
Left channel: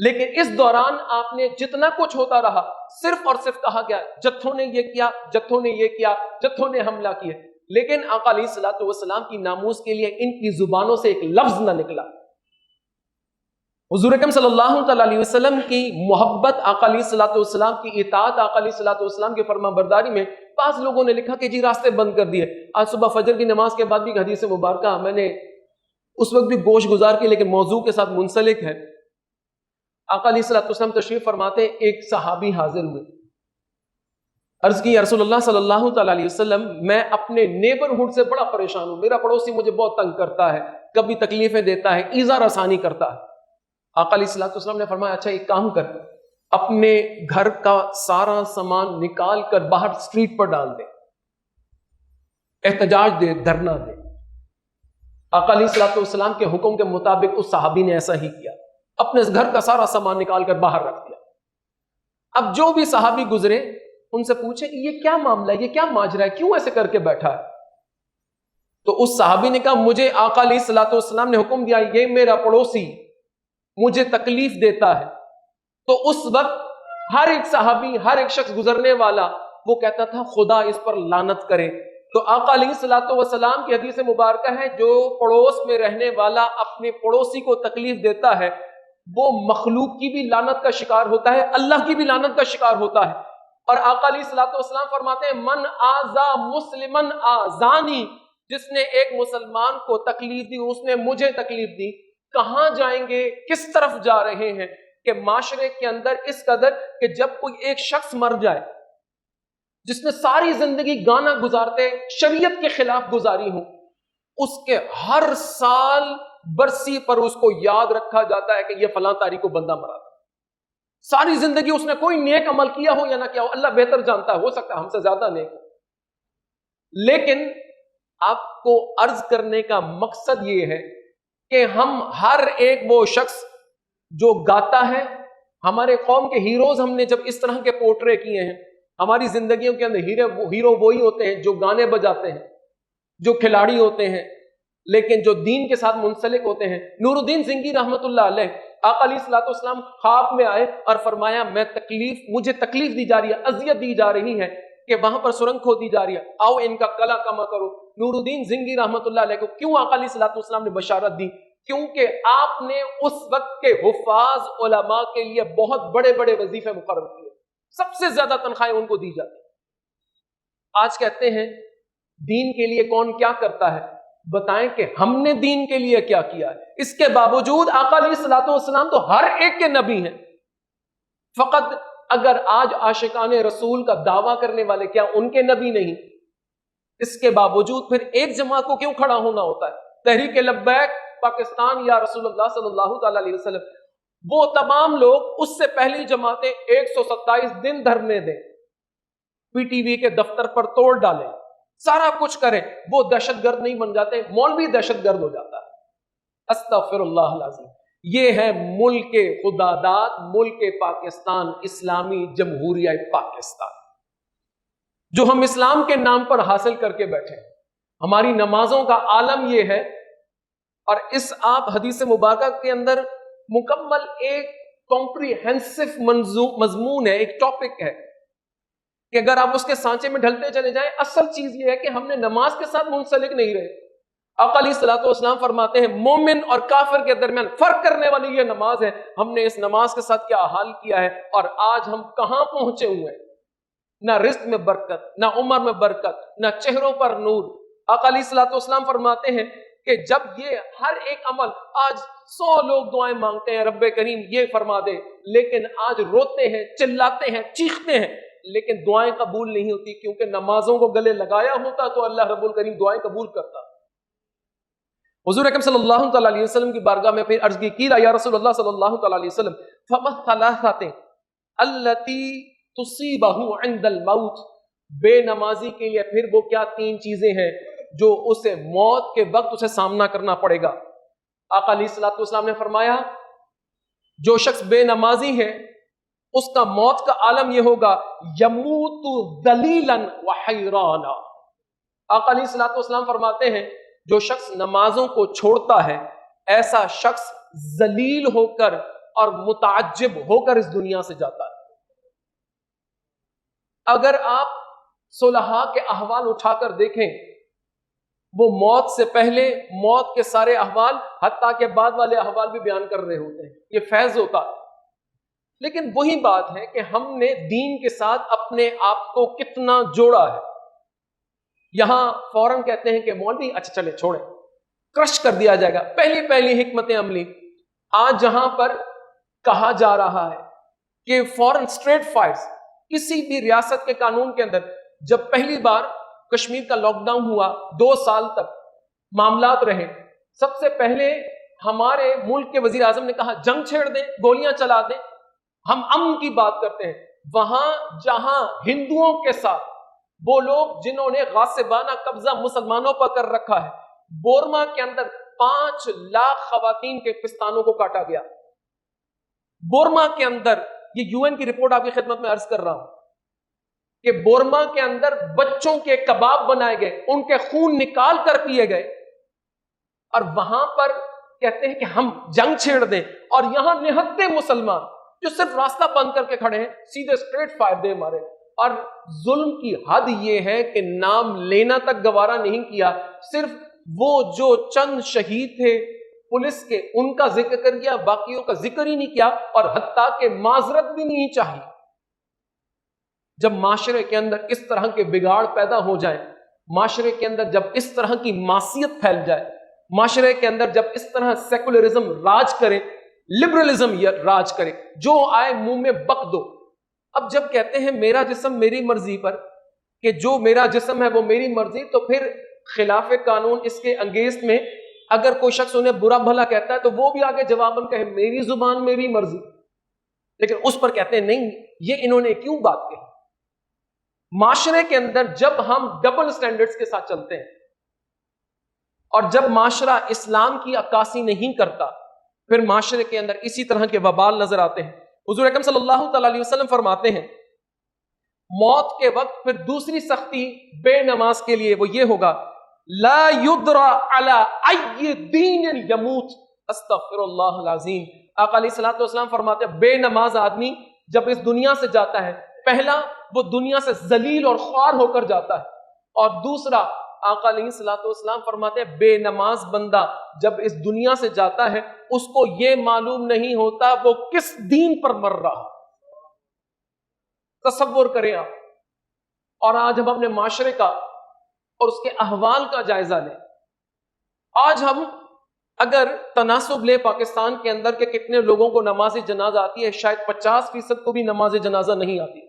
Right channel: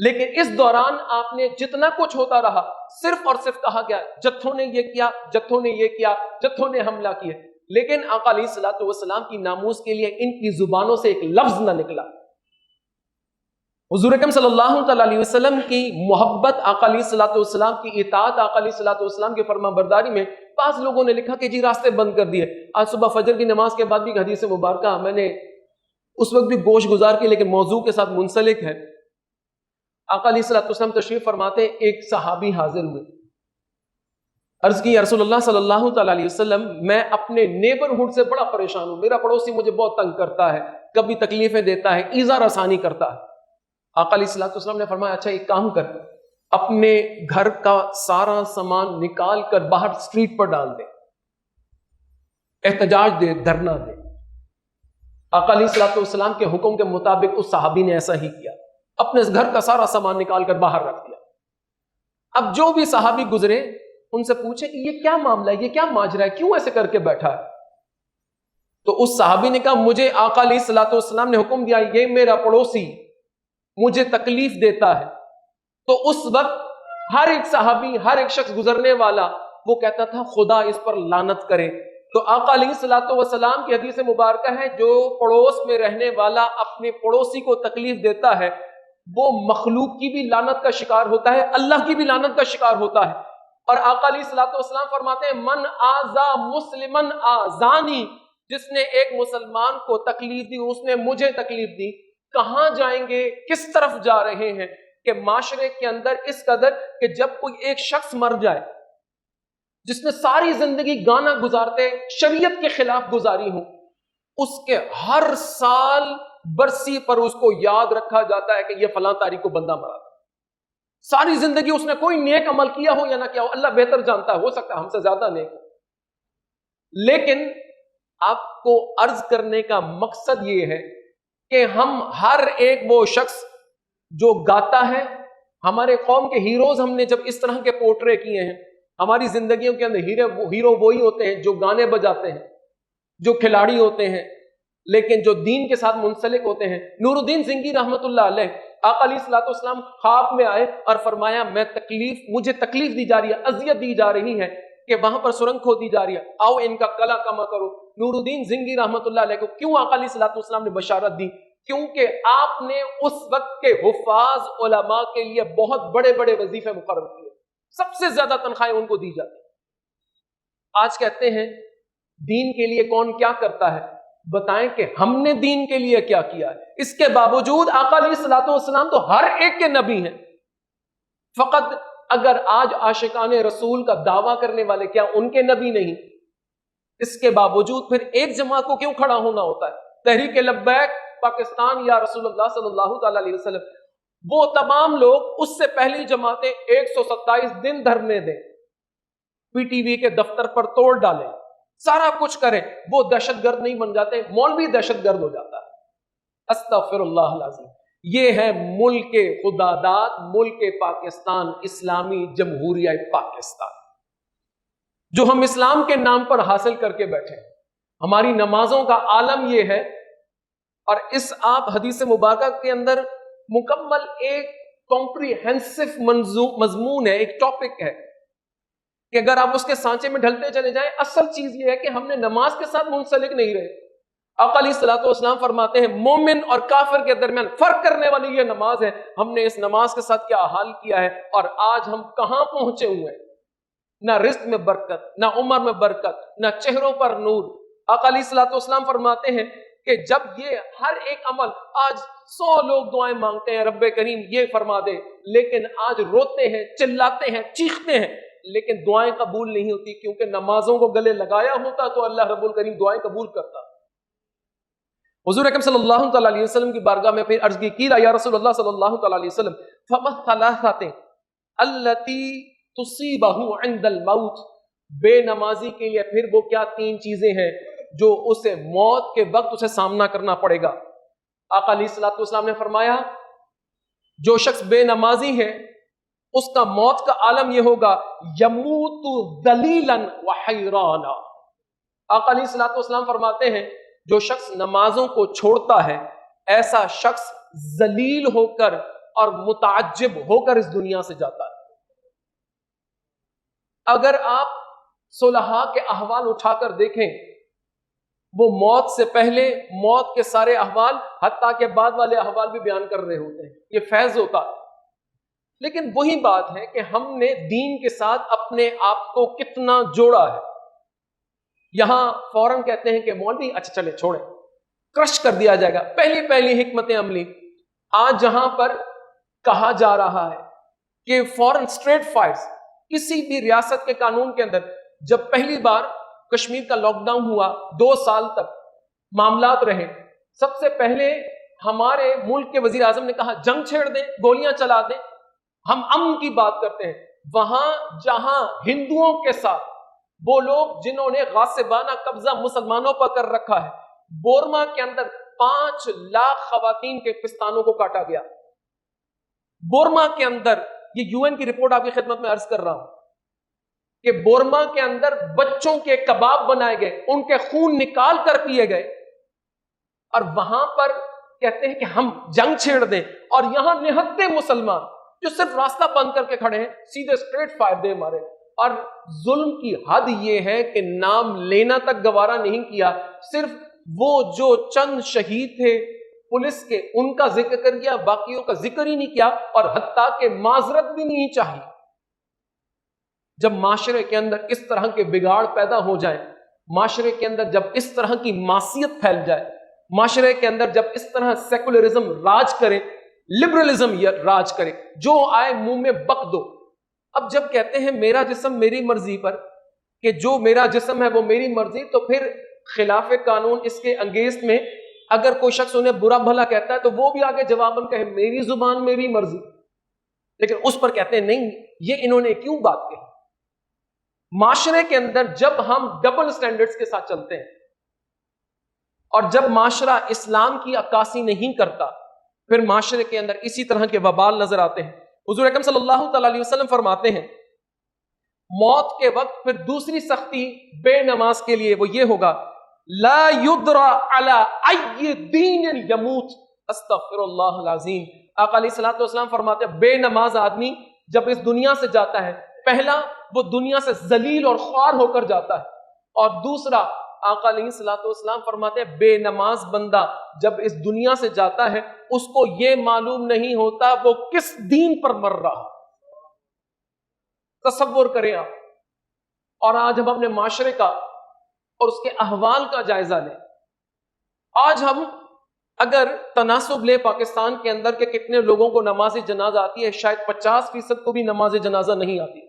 لیکن اس دوران آپ نے جتنا کچھ ہوتا رہا صرف اور صرف کہا گیا جتھوں نے یہ کیا، جتھوں نے یہ کیا، جتھوں نے حملہ کیا، لیکن آقا علیہ الصلوۃ والسلام کی ناموس کے لیے ان کی زبانوں سے ایک لفظ نہ نکلا. حضور اکرم صلی اللہ تعالی علیہ وسلم کی محبت، آقا علیہ الصلوۃ والسلام کی اطاعت، آقا علیہ الصلوۃ والسلام کی فرما برداری میں بعض لوگوں نے لکھا کہ جی راستے بند کر دیے. آج صبح فجر کی نماز کے بعد بھی ایک حدیث مبارکہ میں نے اس وقت بھی گوش گزار کی لیکن موضوع کے ساتھ منسلک ہے. آقا علیہ الصلوۃ والسلام تشریف فرماتے، ایک صحابی حاضر ہوئے، عرض کی یا رسول اللہ صلی اللہ تعالی علیہ وسلم، میں اپنے نیبرہڈ سے بڑا پریشان ہوں، میرا پڑوسی مجھے بہت تنگ کرتا ہے، کبھی تکلیفیں دیتا ہے، ایذا رسانی کرتا ہے. آقا علیہ الصلوۃ والسلام نے فرمایا اچھا ایک کام کر، اپنے گھر کا سارا سامان نکال کر باہر اسٹریٹ پر ڈال دے، احتجاج دے، دھرنا دے. آقا علیہ الصلوۃ والسلام کے حکم کے مطابق اس صحابی نے ایسا ہی کیا، اپنے گھر کا سارا سامان نکال کر باہر رکھ دیا. اب جو بھی صحابی گزرے ان سے پوچھے کہ یہ کیا معاملہ ہے، یہ کیا ماجرا ہے، کیوں ایسے کر کے بیٹھا ہے؟ تو اس صحابی نے کہا مجھے آقا علیہ الصلوۃ والسلام نے حکم دیا، یہ میرا پڑوسی مجھے تکلیف دیتا ہے. تو اس وقت ہر ایک صحابی، ہر ایک شخص گزرنے والا وہ کہتا تھا خدا اس پر لعنت کرے. تو آقا علیہ الصلوۃ والسلام کی حدیث مبارکہ ہے جو پڑوس میں رہنے والا اپنے پڑوسی کو تکلیف دیتا ہے وہ مخلوق کی بھی لعنت کا شکار ہوتا ہے، اللہ کی بھی لعنت کا شکار ہوتا ہے. اور آقا علیہ الصلوۃ والسلام فرماتے ہیں من آذا مسلمن آذانی، جس نے ایک مسلمان کو تکلیف دی اس نے مجھے تکلیف دی. کہاں جائیں گے، کس طرف جا رہے ہیں کہ معاشرے کے اندر اس قدر کہ جب کوئی ایک شخص مر جائے جس نے ساری زندگی گانا گزارتے شریعت کے خلاف گزاری ہو، اس کے ہر سال برسی پر اس کو یاد رکھا جاتا ہے کہ یہ فلاں تاریخ کو بندہ مرا تھا. ساری زندگی اس نے کوئی نیک عمل کیا ہو یا نہ کیا ہو، اللہ بہتر جانتا ہے، ہو سکتا ہے ہم سے زیادہ نیک ہو. لیکن آپ کو عرض کرنے کا مقصد یہ ہے کہ ہم ہر ایک وہ شخص جو گاتا ہے، ہمارے قوم کے ہیروز ہم نے جب اس طرح کے پورٹرے کیے ہیں، ہماری زندگیوں کے اندر ہیرو وہی ہوتے ہیں جو گانے بجاتے ہیں، جو کھلاڑی ہوتے ہیں، لیکن جو دین کے ساتھ منسلک ہوتے ہیں. نور الدین زنگی رحمت اللہ علیہ، آقا علیہ الصلوۃ والسلام خواب میں آئے اور فرمایا مجھے تکلیف دی جا رہی ہے، اذیت دی جا رہی ہے کہ وہاں پر سرنگ کھودی جا رہی ہے، آؤ ان کا کلا کما کرو. نور الدین زنگی رحمت اللہ علیہ کو کیوں آقا علیہ الصلوۃ والسلام نے بشارت دی؟ کیونکہ آپ نے اس وقت کے حفاظ علماء کے لیے بہت بڑے بڑے وظیفے مقرر کیے، سب سے زیادہ تنخواہیں ان کو دی جاتی. آج کہتے ہیں دین کے لیے کون کیا کرتا ہے، بتائیں کہ ہم نے دین کے لیے کیا کیا ہے. اس کے باوجود آقا علیہ الصلوۃ والسلام تو ہر ایک کے نبی ہیں. فقط اگر آج عاشقان رسول کا دعویٰ کرنے والے کیا ان کے نبی نہیں؟ اس کے باوجود پھر ایک جماعت کو کیوں کھڑا ہونا ہوتا ہے؟ تحریک لبیک پاکستان یا رسول اللہ صلی اللہ تعالی علیہ وسلم وہ تمام لوگ اس سے پہلی جماعتیں 127 دن دھرنے دیں، پی ٹی وی کے دفتر پر توڑ ڈالیں، سارا کچھ کریں، وہ دہشت گرد نہیں بن جاتے، مولوی دہشت گرد ہو جاتا ہے۔ استغفر اللہ العظیم۔ یہ ہے ملک خدا داد، ملک پاکستان، اسلامی جمہوریہ پاکستان، جو ہم اسلام کے نام پر حاصل کر کے بیٹھے ہیں۔ ہماری نمازوں کا عالم یہ ہے، اور اس آپ حدیث مبارکہ کے اندر مکمل ایک کمپریہنسو مضمون ہے، ایک ٹاپک ہے کہ اگر آپ اس کے سانچے میں ڈھلتے چلے جائیں، اصل چیز یہ ہے کہ ہم نے نماز کے ساتھ منسلک نہیں رہے۔ آقا علیہ الصلوۃ والسلام فرماتے ہیں مومن اور کافر کے درمیان فرق کرنے والی یہ نماز ہے، ہم نے اس نماز کے ساتھ کیا حال کیا ہے، اور آج ہم کہاں پہنچے ہوئے ہیں۔ نہ رزق میں برکت، نہ عمر میں برکت، نہ چہروں پر نور۔ آقا علیہ الصلوۃ والسلام فرماتے ہیں کہ جب یہ ہر ایک عمل، آج 100 لوگ دعائیں مانگتے ہیں رب کریم یہ فرما دے، لیکن آج روتے ہیں، چلاتے ہیں، چیختے ہیں، لیکن دعائیں قبول نہیں ہوتی، کیونکہ نمازوں کو گلے لگایا ہوتا تو اللہ رب الکریم دعائیں قبول کرتا۔ حضور اکرم صلی اللہ تعالی علیہ وسلم کی بارگاہ میں پھر عرض کی یا رسول اللہ صلی اللہ تعالی علیہ وسلم فما الثلاثات التي تصيبه عند الموت، بے نمازی کے لیے پھر وہ کیا 3 چیزیں ہیں جو اسے موت کے وقت اسے سامنا کرنا پڑے گا۔ آقا علیہ الصلوۃ والسلام نے فرمایا جو شخص بے نمازی ہے اس کا موت کا عالم یہ ہوگا یموت ذلیلا وحیرانا۔ آقا علیہ الصلوۃ والسلام فرماتے ہیں جو شخص نمازوں کو چھوڑتا ہے ایسا شخص ذلیل ہو کر اور متعجب ہو کر اس دنیا سے جاتا ہے۔ اگر آپ صلحاء کے احوال اٹھا کر دیکھیں، وہ موت سے پہلے موت کے سارے احوال حتیٰ کہ بعد والے احوال بھی بیان کر رہے ہوتے ہیں، یہ فیض ہوتا ہے۔ لیکن وہی بات ہے کہ ہم نے دین کے ساتھ اپنے آپ کو کتنا جوڑا ہے۔ یہاں فوراً کہتے ہیں کہ مولوی اچھا چلے چھوڑیں، کرش کر دیا جائے گا، پہلی حکمت عملی۔ آج جہاں پر کہا جا رہا ہے کہ فوراً اسٹریٹ فائرز، کسی بھی ریاست کے قانون کے اندر جب پہلی بار کشمیر کا لاک ڈاؤن ہوا 2 سال تک معاملات رہے، سب سے پہلے ہمارے ملک کے وزیر اعظم نے کہا جنگ چھیڑ دیں، گولیاں چلا دیں، ہم امن کی بات کرتے ہیں۔ وہاں جہاں ہندوؤں کے ساتھ وہ لوگ جنہوں نے غاصبانہ قبضہ مسلمانوں پر کر رکھا ہے، بورما کے اندر 5 لاکھ خواتین کے پستانوں کو کاٹا گیا۔ بورما کے اندر، یہ یو این کی رپورٹ آپ کی خدمت میں عرض کر رہا ہوں کہ بورما کے اندر بچوں کے کباب بنائے گئے، ان کے خون نکال کر پیے گئے، اور وہاں پر کہتے ہیں کہ ہم جنگ چھیڑ دیں، اور یہاں نہتے مسلمان جو صرف راستہ بند کر کے کھڑے ہیں، سیدھے اسٹریٹ فائر دے مارے۔ اور ظلم کی حد یہ ہے کہ نام لینا تک گوارا نہیں کیا، صرف وہ جو چند شہید تھے پولیس کے ان کا ذکر کر کیا، باقیوں کا ذکر ہی نہیں کیا، اور حتیٰ کہ معذرت بھی نہیں چاہی۔ جب معاشرے کے اندر اس طرح کے بگاڑ پیدا ہو جائیں، معاشرے کے اندر جب اس طرح کی معصیت پھیل جائے، معاشرے کے اندر جب اس طرح سیکولرزم راج کرے، لبرلزم راج کرے، جو آئے منہ میں بک دو۔ اب جب کہتے ہیں میرا جسم میری مرضی پر، کہ جو میرا جسم ہے وہ میری مرضی، تو پھر خلاف قانون اس کے انگیزٹ میں اگر کوئی شخص انہیں برا بھلا کہتا ہے تو وہ بھی آگے جواباً کہے میری زبان میری مرضی، لیکن اس پر کہتے ہیں نہیں یہ انہوں نے کیوں بات کہی۔ معاشرے کے اندر جب ہم ڈبل سٹینڈرڈز کے ساتھ چلتے ہیں اور جب معاشرہ اسلام کی عکاسی نہیں کرتا، پھر معاشرے کے اندر اسی طرح کے وبال نظر آتے ہیں۔ حضور اکرم صلی اللہ تعالی علیہ وسلم فرماتے ہیں موت کے وقت پھر دوسری سختی بے نماز کے لیے وہ یہ ہوگا لا یدرا علی ای دین یموت۔ استغفر اللہ العظیم۔ آقا علیہ الصلوۃ والسلام فرماتے ہیں بے نماز آدمی جب اس دنیا سے جاتا ہے، پہلا وہ دنیا سے ذلیل اور خوار ہو کر جاتا ہے، اور دوسرا آقا علیہ الصلوۃ والسلام فرماتے ہیں بے نماز بندہ جب اس دنیا سے جاتا ہے اس کو یہ معلوم نہیں ہوتا وہ کس دین پر مر رہا۔ تصور کریں آپ، اور آج ہم اپنے معاشرے کا اور اس کے احوال کا جائزہ لیں۔ آج ہم اگر تناسب لیں پاکستان کے اندر کہ کتنے لوگوں کو نماز جنازہ آتی ہے، شاید 50% کو بھی نماز جنازہ نہیں آتی۔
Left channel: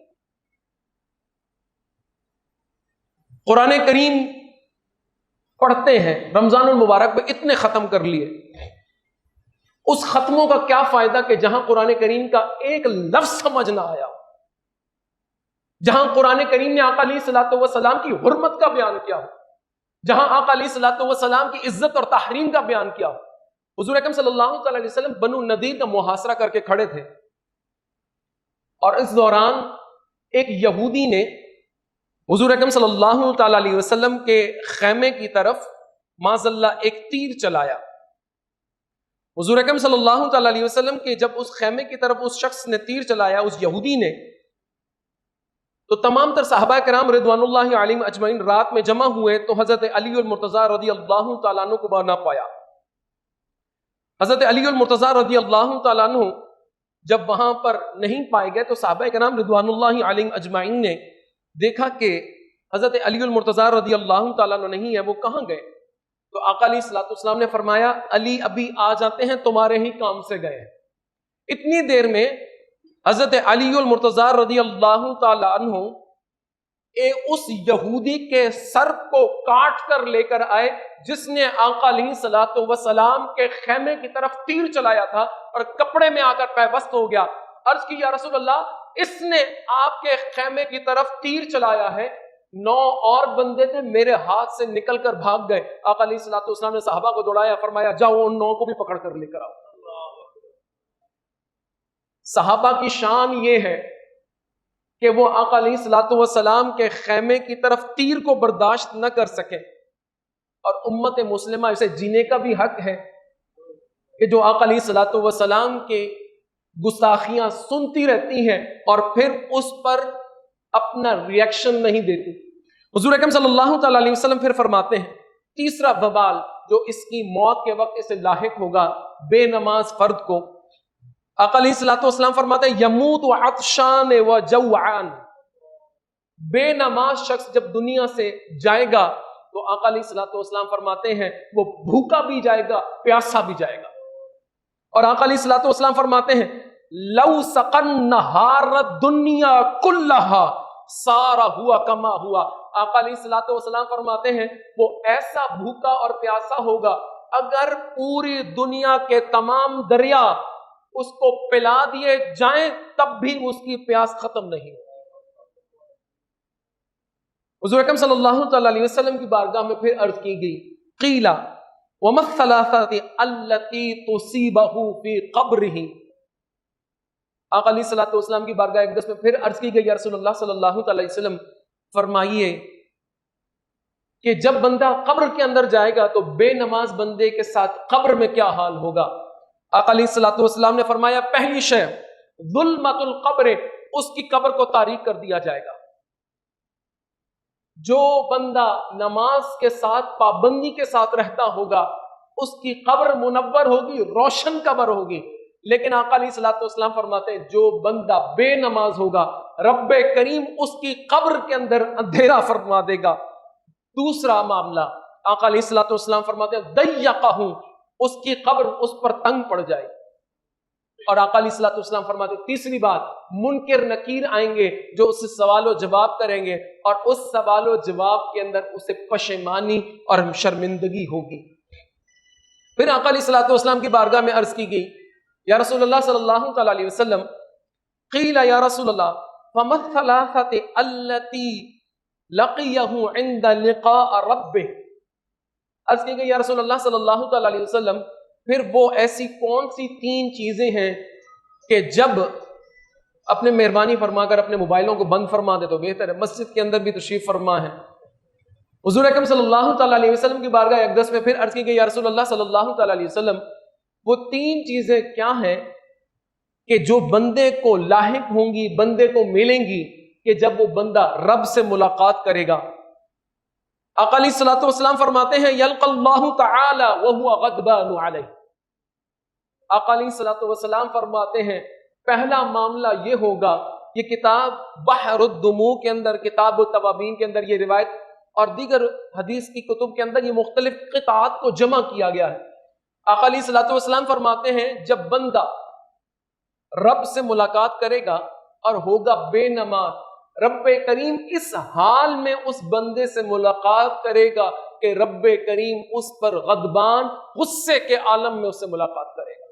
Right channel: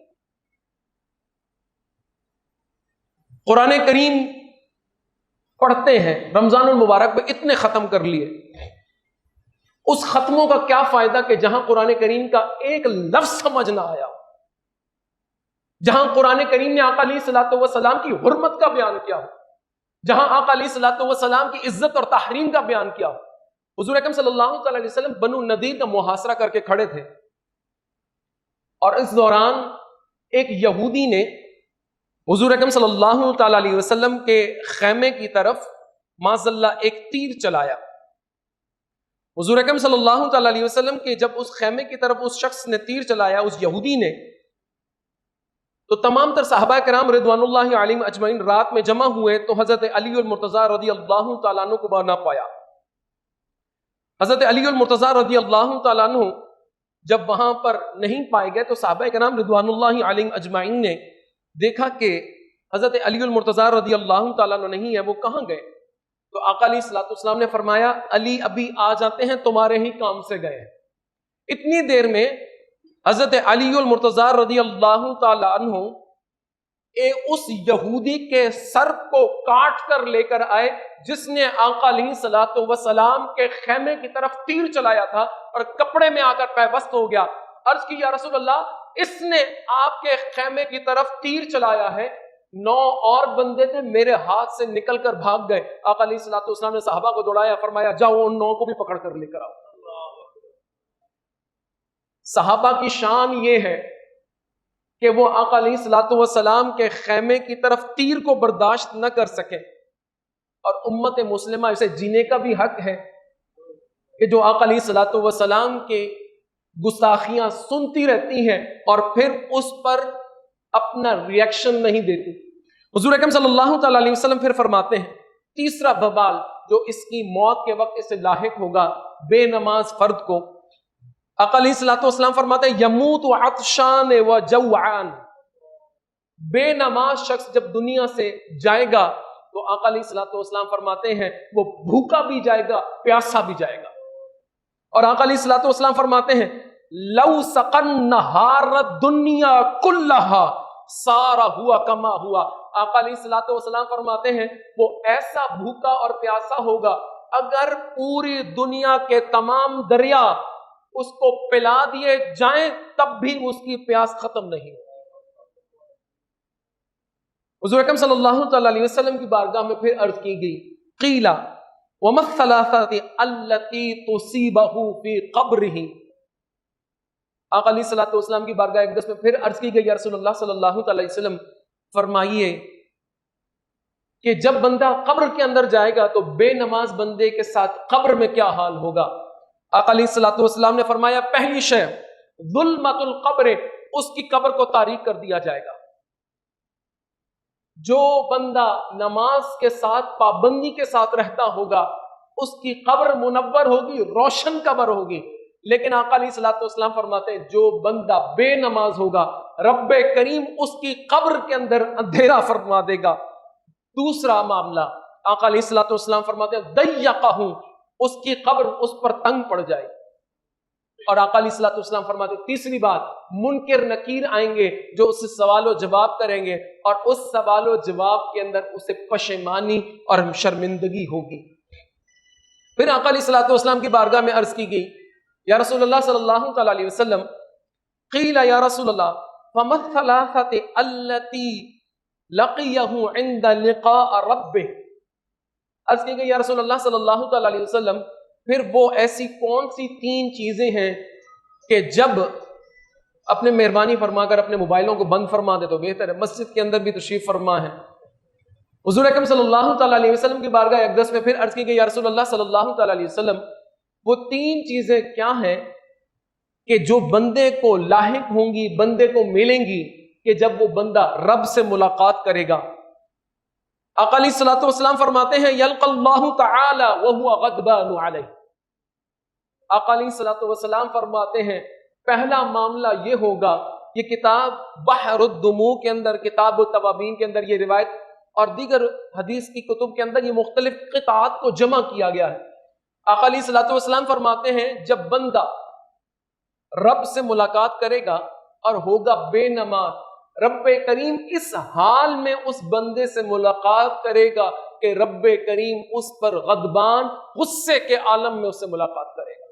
قرآن کریم پڑھتے ہیں، رمضان المبارک میں اتنے ختم کر لیے، اس ختموں کا کیا فائدہ کہ جہاں قرآن کریم کا ایک لفظ سمجھ نہ آیا، جہاں قرآن کریم نے آقا علیہ الصلوۃ والسلام کی حرمت کا بیان کیا ہو، جہاں آقا علیہ الصلوۃ والسلام کی عزت اور تحریم کا بیان کیا ہو۔ حضور اکرم صلی اللہ تعالی علیہ وسلم بنو نذیر کا محاصرہ کر کے کھڑے تھے، اور اس دوران ایک یہودی نے حضور اکرم صلی اللہ تعالی علیہ وسلم کے خیمے کی طرف معاذ اللہ ایک تیر چلایا۔ حضور اکرم صلی اللہ تعالی علیہ وسلم کے جب اس خیمے کی طرف اس شخص نے تیر چلایا، اس یہودی نے، تو تمام تر صحابہ کرام رضوان اللہ علیہم اجمعین رات میں جمع ہوئے تو حضرت علی المرتضیٰ رضی اللہ تعالیٰ عنہ کو نہ پایا۔ حضرت علی المرتضیٰ رضی اللہ تعالیٰ عنہ جب وہاں پر نہیں پائے گئے تو صحابہ کرام رضوان اللہ علیہم اجمعین نے دیکھا کہ حضرت علی المرتضیٰ رضی اللہ تعالیٰ عنہ نہیں ہے، وہ کہاں گئے؟ تو آقا علیہ الصلوۃ والسلام نے فرمایا علی ابھی آ جاتے ہیں، تمہارے ہی کام سے گئے ہیں۔ اتنی دیر میں حضرت علی المرتضیٰ رضی اللہ تعالیٰ عنہ اس یہودی کے سر کو کاٹ کر لے کر آئے جس نے آقا علیہ الصلوۃ والسلام کے خیمے کی طرف تیر چلایا تھا، اور کپڑے میں آ کر پیوست ہو گیا۔ عرض کی یا رسول اللہ، اس نے آپ کے خیمے کی طرف تیر چلایا ہے، 9 اور بندے تھے میرے ہاتھ سے نکل کر بھاگ گئے۔ آقا علیہ الصلوۃ والسلام نے صحابہ کو دوڑایا، فرمایا جاؤ ان 9 کو بھی پکڑ کر لے کر آؤ۔ صحابہ کی شان یہ ہے کہ وہ آقا علیہ الصلوۃ والسلام کے خیمے کی طرف تیر کو برداشت نہ کر سکے، اور امت مسلمہ اسے جینے کا بھی حق ہے کہ جو آقا علیہ الصلوۃ والسلام کے گستاخیاں سنتی رہتی ہیں اور پھر اس پر اپنا ریئیکشن نہیں دیتی۔ حضور اکرم صلی اللہ تعالی علیہ وسلم پھر فرماتے ہیں تیسرا ببال جو اس کی موت کے وقت اسے لاحق ہوگا، بے نماز فرد کو، آقا علیہ الصلوۃ والسلام فرماتے ہیں یموت عطشان و جوعان، بے نماز شخص جب دنیا سے جائے گا تو آقا علیہ الصلوۃ والسلام فرماتے ہیں وہ بھوکا بھی جائے گا، پیاسا بھی جائے گا۔ اور آقا علیہ الصلوۃ والسلام فرماتے ہیں لو سقن نہار الدنیا کلہا سارا ہوا کما ہوا، آقا علیہ الصلوۃ والسلام فرماتے ہیں وہ ایسا بھوکا اور پیاسا ہوگا اگر پوری دنیا کے تمام دریا اس کو پلا دیے جائیں تب بھی اس کی پیاس ختم نہیں ہوگی۔ حضور اکرم صلی اللہ تعالی علیہ وسلم کی بارگاہ میں پھر عرض کی گئی قیلا وما الثلاثۃ التی تصیبہ فی قبرہ، آقا علیہ الصلوۃ والسلام کی بارگاہ اقدس میں پھر عرض کی گئی یا رسول اللہ صلی اللہ تعالی علیہ وسلم فرمائیے کہ جب بندہ قبر کے اندر جائے گا تو بے نماز بندے کے ساتھ قبر میں کیا حال ہوگا؟ آقا علیہ الصلوۃ والسلام نے فرمایا پہلی شے ظلمت القبر، اس کی قبر کو تاریک کر دیا جائے گا۔ جو بندہ نماز کے ساتھ پابندی کے ساتھ رہتا ہوگا اس کی قبر منور ہوگی، روشن قبر ہوگی، لیکن آقا علیہ الصلوۃ والسلام فرماتے ہیں جو بندہ بے نماز ہوگا رب کریم اس کی قبر کے اندر اندھیرا فرما دے گا۔ دوسرا معاملہ آقا علیہ الصلوۃ والسلام فرماتے ہیں ضیقہ، اس کی قبر اس پر تنگ پڑ جائے۔ اور آقا علیہ الصلوۃ والسلام فرماتے ہیں تیسری بات منکر نکیر آئیں گے جو اس سے سوال و جواب کریں گے اور اس سوال و جواب کے اندر اسے پشیمانی اور شرمندگی ہوگی۔ پھر آقا علیہ الصلوۃ والسلام کی بارگاہ میں عرض کی گئی یا رسول اللہ صلی اللہ تعالی علیہ وسلم قیل یا رسول اللہ فما الثلاثۃ التی لقیہ عند لقاء ربہ، عرض کی گئی یا رسول اللہ صلی اللہ تعالی علیہ وسلم پھر وہ ایسی کون سی 3 چیزیں ہیں کہ جب اپنے مہربانی فرما کر اپنے موبائلوں کو بند فرما دے تو بہتر ہے، مسجد کے اندر بھی تشریف فرما ہے۔ حضور اکرم صلی اللہ تعالی علیہ وسلم کی بارگاہ اقدس میں پھر عرض کی گئی یا رسول اللہ صلی اللہ تعالی علیہ وسلم وہ 3 چیزیں کیا ہیں کہ جو بندے کو لاحق ہوں گی، بندے کو ملیں گی کہ جب وہ بندہ رب سے ملاقات کرے گا؟ آقا علیہ الصلوۃ والسلام فرماتے ہیں یلقى اللہ تعالی وهو غضبان علیہ، آقا علیہ الصلوۃ والسلام فرماتے ہیں پہلا معاملہ یہ ہوگا، یہ کتاب بحر الدموع کے اندر، کتاب التوابین کے اندر یہ روایت اور دیگر حدیث کی کتب کے اندر یہ مختلف قطعات کو جمع کیا گیا ہے۔ آقا علیہ الصلوۃ والسلام فرماتے ہیں جب بندہ رب سے ملاقات کرے گا اور ہوگا بے نماز، رب کریم اس حال میں اس بندے سے ملاقات کرے گا کہ رب کریم اس پر غضبان غصے کے عالم میں اس سے ملاقات کرے گا۔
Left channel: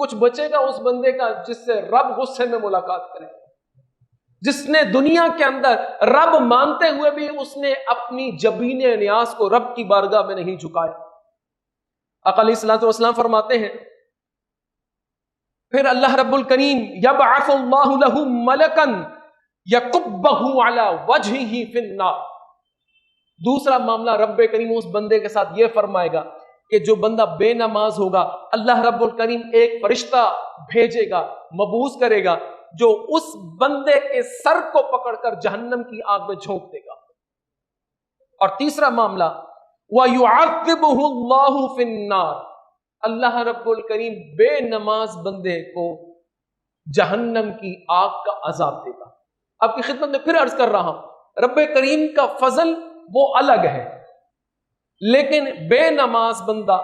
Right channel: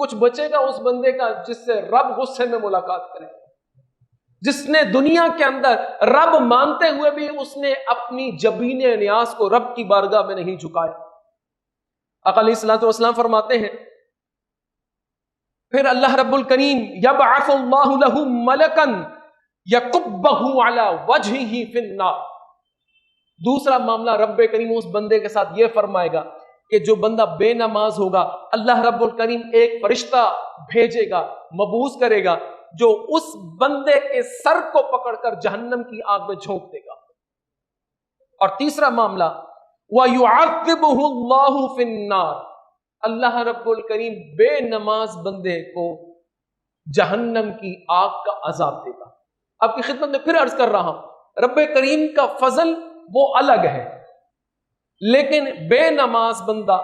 کچھ بچے گا اس بندے کا جس سے رب غصے میں ملاقات کرے، جس نے دنیا کے اندر رب مانتے ہوئے بھی اس نے اپنی جبین نیاز کو رب کی بارگاہ میں نہیں جھکایا۔ آقا علیہ الصلوۃ والسلام فرماتے ہیں پھر اللہ رب الکریم یبعث اللہ لہ ملکا یکبہ علی وجہہ فی النار، دوسرا معاملہ رب کریم اس بندے کے ساتھ یہ فرمائے گا کہ جو بندہ بے نماز ہوگا اللہ رب الکریم ایک فرشتہ بھیجے گا، مبعوث کرے گا، جو اس بندے کے سر کو پکڑ کر جہنم کی آگ میں جھونک دے گا۔ اور تیسرا معاملہ وَيُعَذِّبُهُ اللَّهُ فِي النَّارِ، اللہ رب الکریم بے نماز بندے کو جہنم کی آگ کا عذاب دے گا۔ آپ کی خدمت میں پھر عرض کر رہا ہوں، رب کریم کا فضل وہ الگ ہے، لیکن بے نماز بندہ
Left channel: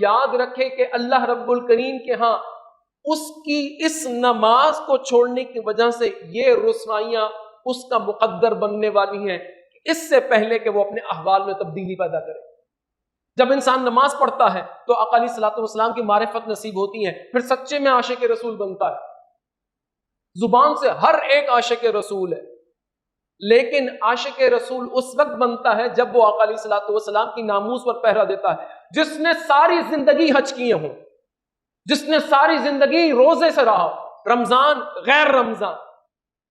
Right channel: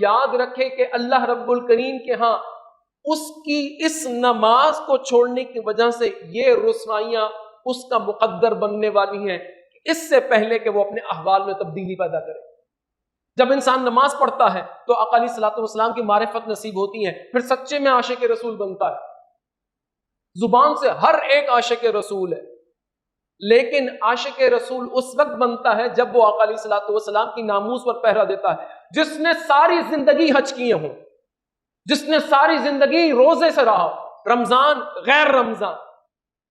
یاد رکھے کہ اللہ رب الکریم کے ہاں اس کی اس نماز کو چھوڑنے کی وجہ سے یہ رسوائیاں اس کا مقدر بننے والی ہیں اس سے پہلے کہ وہ اپنے احوال میں تبدیلی پیدا کرے۔ جب انسان نماز پڑھتا ہے تو آقا علیہ الصلوۃ والسلام کی معرفت نصیب ہوتی ہے، پھر سچے میں عاشق رسول بنتا ہے۔ زبان سے ہر ایک عاشق رسول ہے، لیکن عاشق رسول اس وقت بنتا ہے جب وہ آقا علیہ الصلوۃ والسلام کی ناموس پر پہرا دیتا ہے۔ جس نے ساری زندگی حج کیے ہوں، جس نے ساری زندگی روزے سے رہا، رمضان غیر رمضان،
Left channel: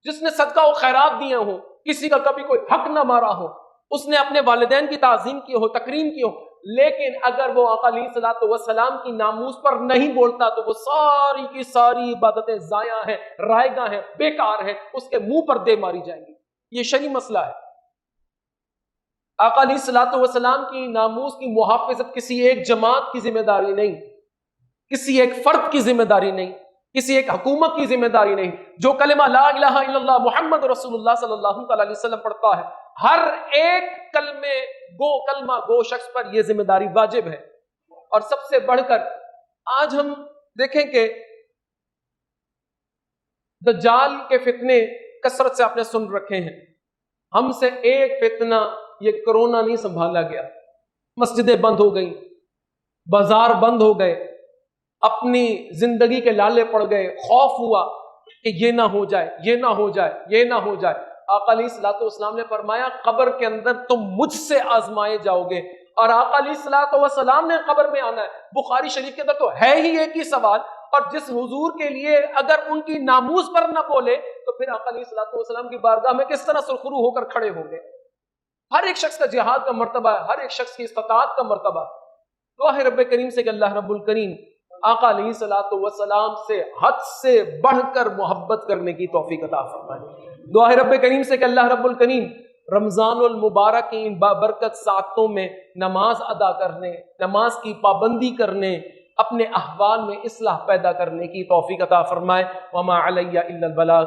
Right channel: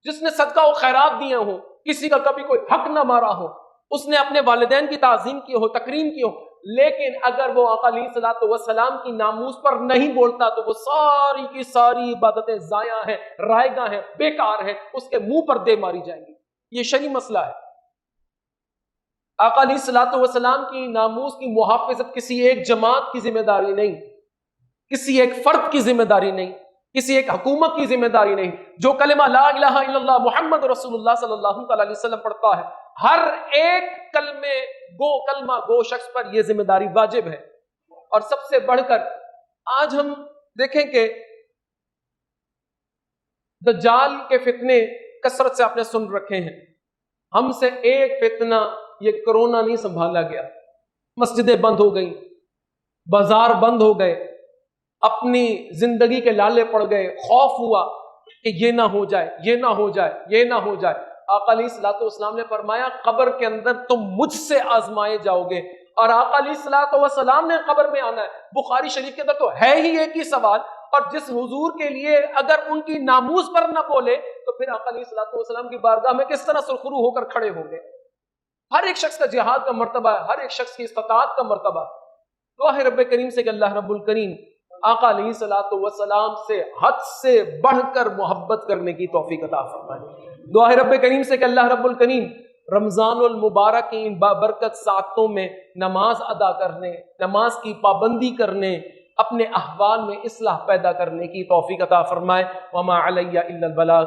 جس نے صدقہ و خیرات دیے ہوں، کسی کا کبھی کوئی حق نہ مارا ہو، اس نے اپنے والدین کی تعظیم کی ہو، تکریم کی ہو، لیکن اگر وہ آقا علیہ الصلوۃ والسلام کی ناموس پر نہیں بولتا تو وہ ساری کی ساری عبادتیں ضائع ہیں، رائگاں ہیں، بیکار ہیں، اس کے منہ پر دے ماری جائیں گی۔ یہ شرعی مسئلہ ہے۔ آقا علیہ الصلوۃ والسلام کی ناموس کی محافظت کسی ایک جماعت کی ذمہ داری نہیں، کسی ایک فرد کی ذمہ داری نہیں، کسی ایک حکومت کی ذمہ داری نہیں۔ جو کلمہ لا الہ الا اللہ محمد رسول اللہ صلی اللہ علیہ وسلم پڑھتا ہے، ہر ایک کلمہ گو شخص پر یہ ذمہ داری واجب ہے۔ اور سب سے بڑھ کر آج ہم دیکھیں کہ دجال کے فتنے کثرت سے آپ نے سن رکھے ہیں، ہم سے ایک فتنہ یہ کرونا نہیں سنبھالا گیا۔ مسجدیں بند ہو گئیں، بازار بند ہو گئے، اپنی زندگی کے لالے پڑ گئے، خوف ہوا کہ یہ نہ ہو جائے، یہ نہ ہو جائے، یہ نہ ہو جائے۔ آقا علیہ الصلوۃ والسلام نے فرمایا قبر کے اندر تم مجھ سے آزمائے جاؤ گے، اور آقا علیہ الصلوۃ والسلام نے قبر میں آنا ہے۔ بخاری شریف کے اندر تو ہے ہی ایک ہی سوال، اور جس حضور کے لیے اگر ان کی ناموس پر نہ بولے تو پھر آقا علیہ الصلوۃ والسلام کی بارگاہ میں کس طرح سرخرو ہو کر کھڑے ہوں گے؟ ہر ایک شخص کا جہاد کا مرتبہ ہے، ہر ایک شخص کی استطاعت کا مرتبہ۔ دعا ہے رب کریم سے کہ اللہ رب الکریم آقا علیہ الصلوۃ والسلام سے حد سے بڑھ کر محبت کرنے کی توفیق عطا فرمائے۔ دعا ہے رب کریم سے کہ اللہ رب الکریم رمضان المبارک کی ان بابرکت ساعتوں میں نماز ادا کرنے، نماز کی پابندی کرنے، اپنے احوال میں اصلاح پیدا کرنے کی توفیق عطا فرمائے۔ وما علی الا البلاغ۔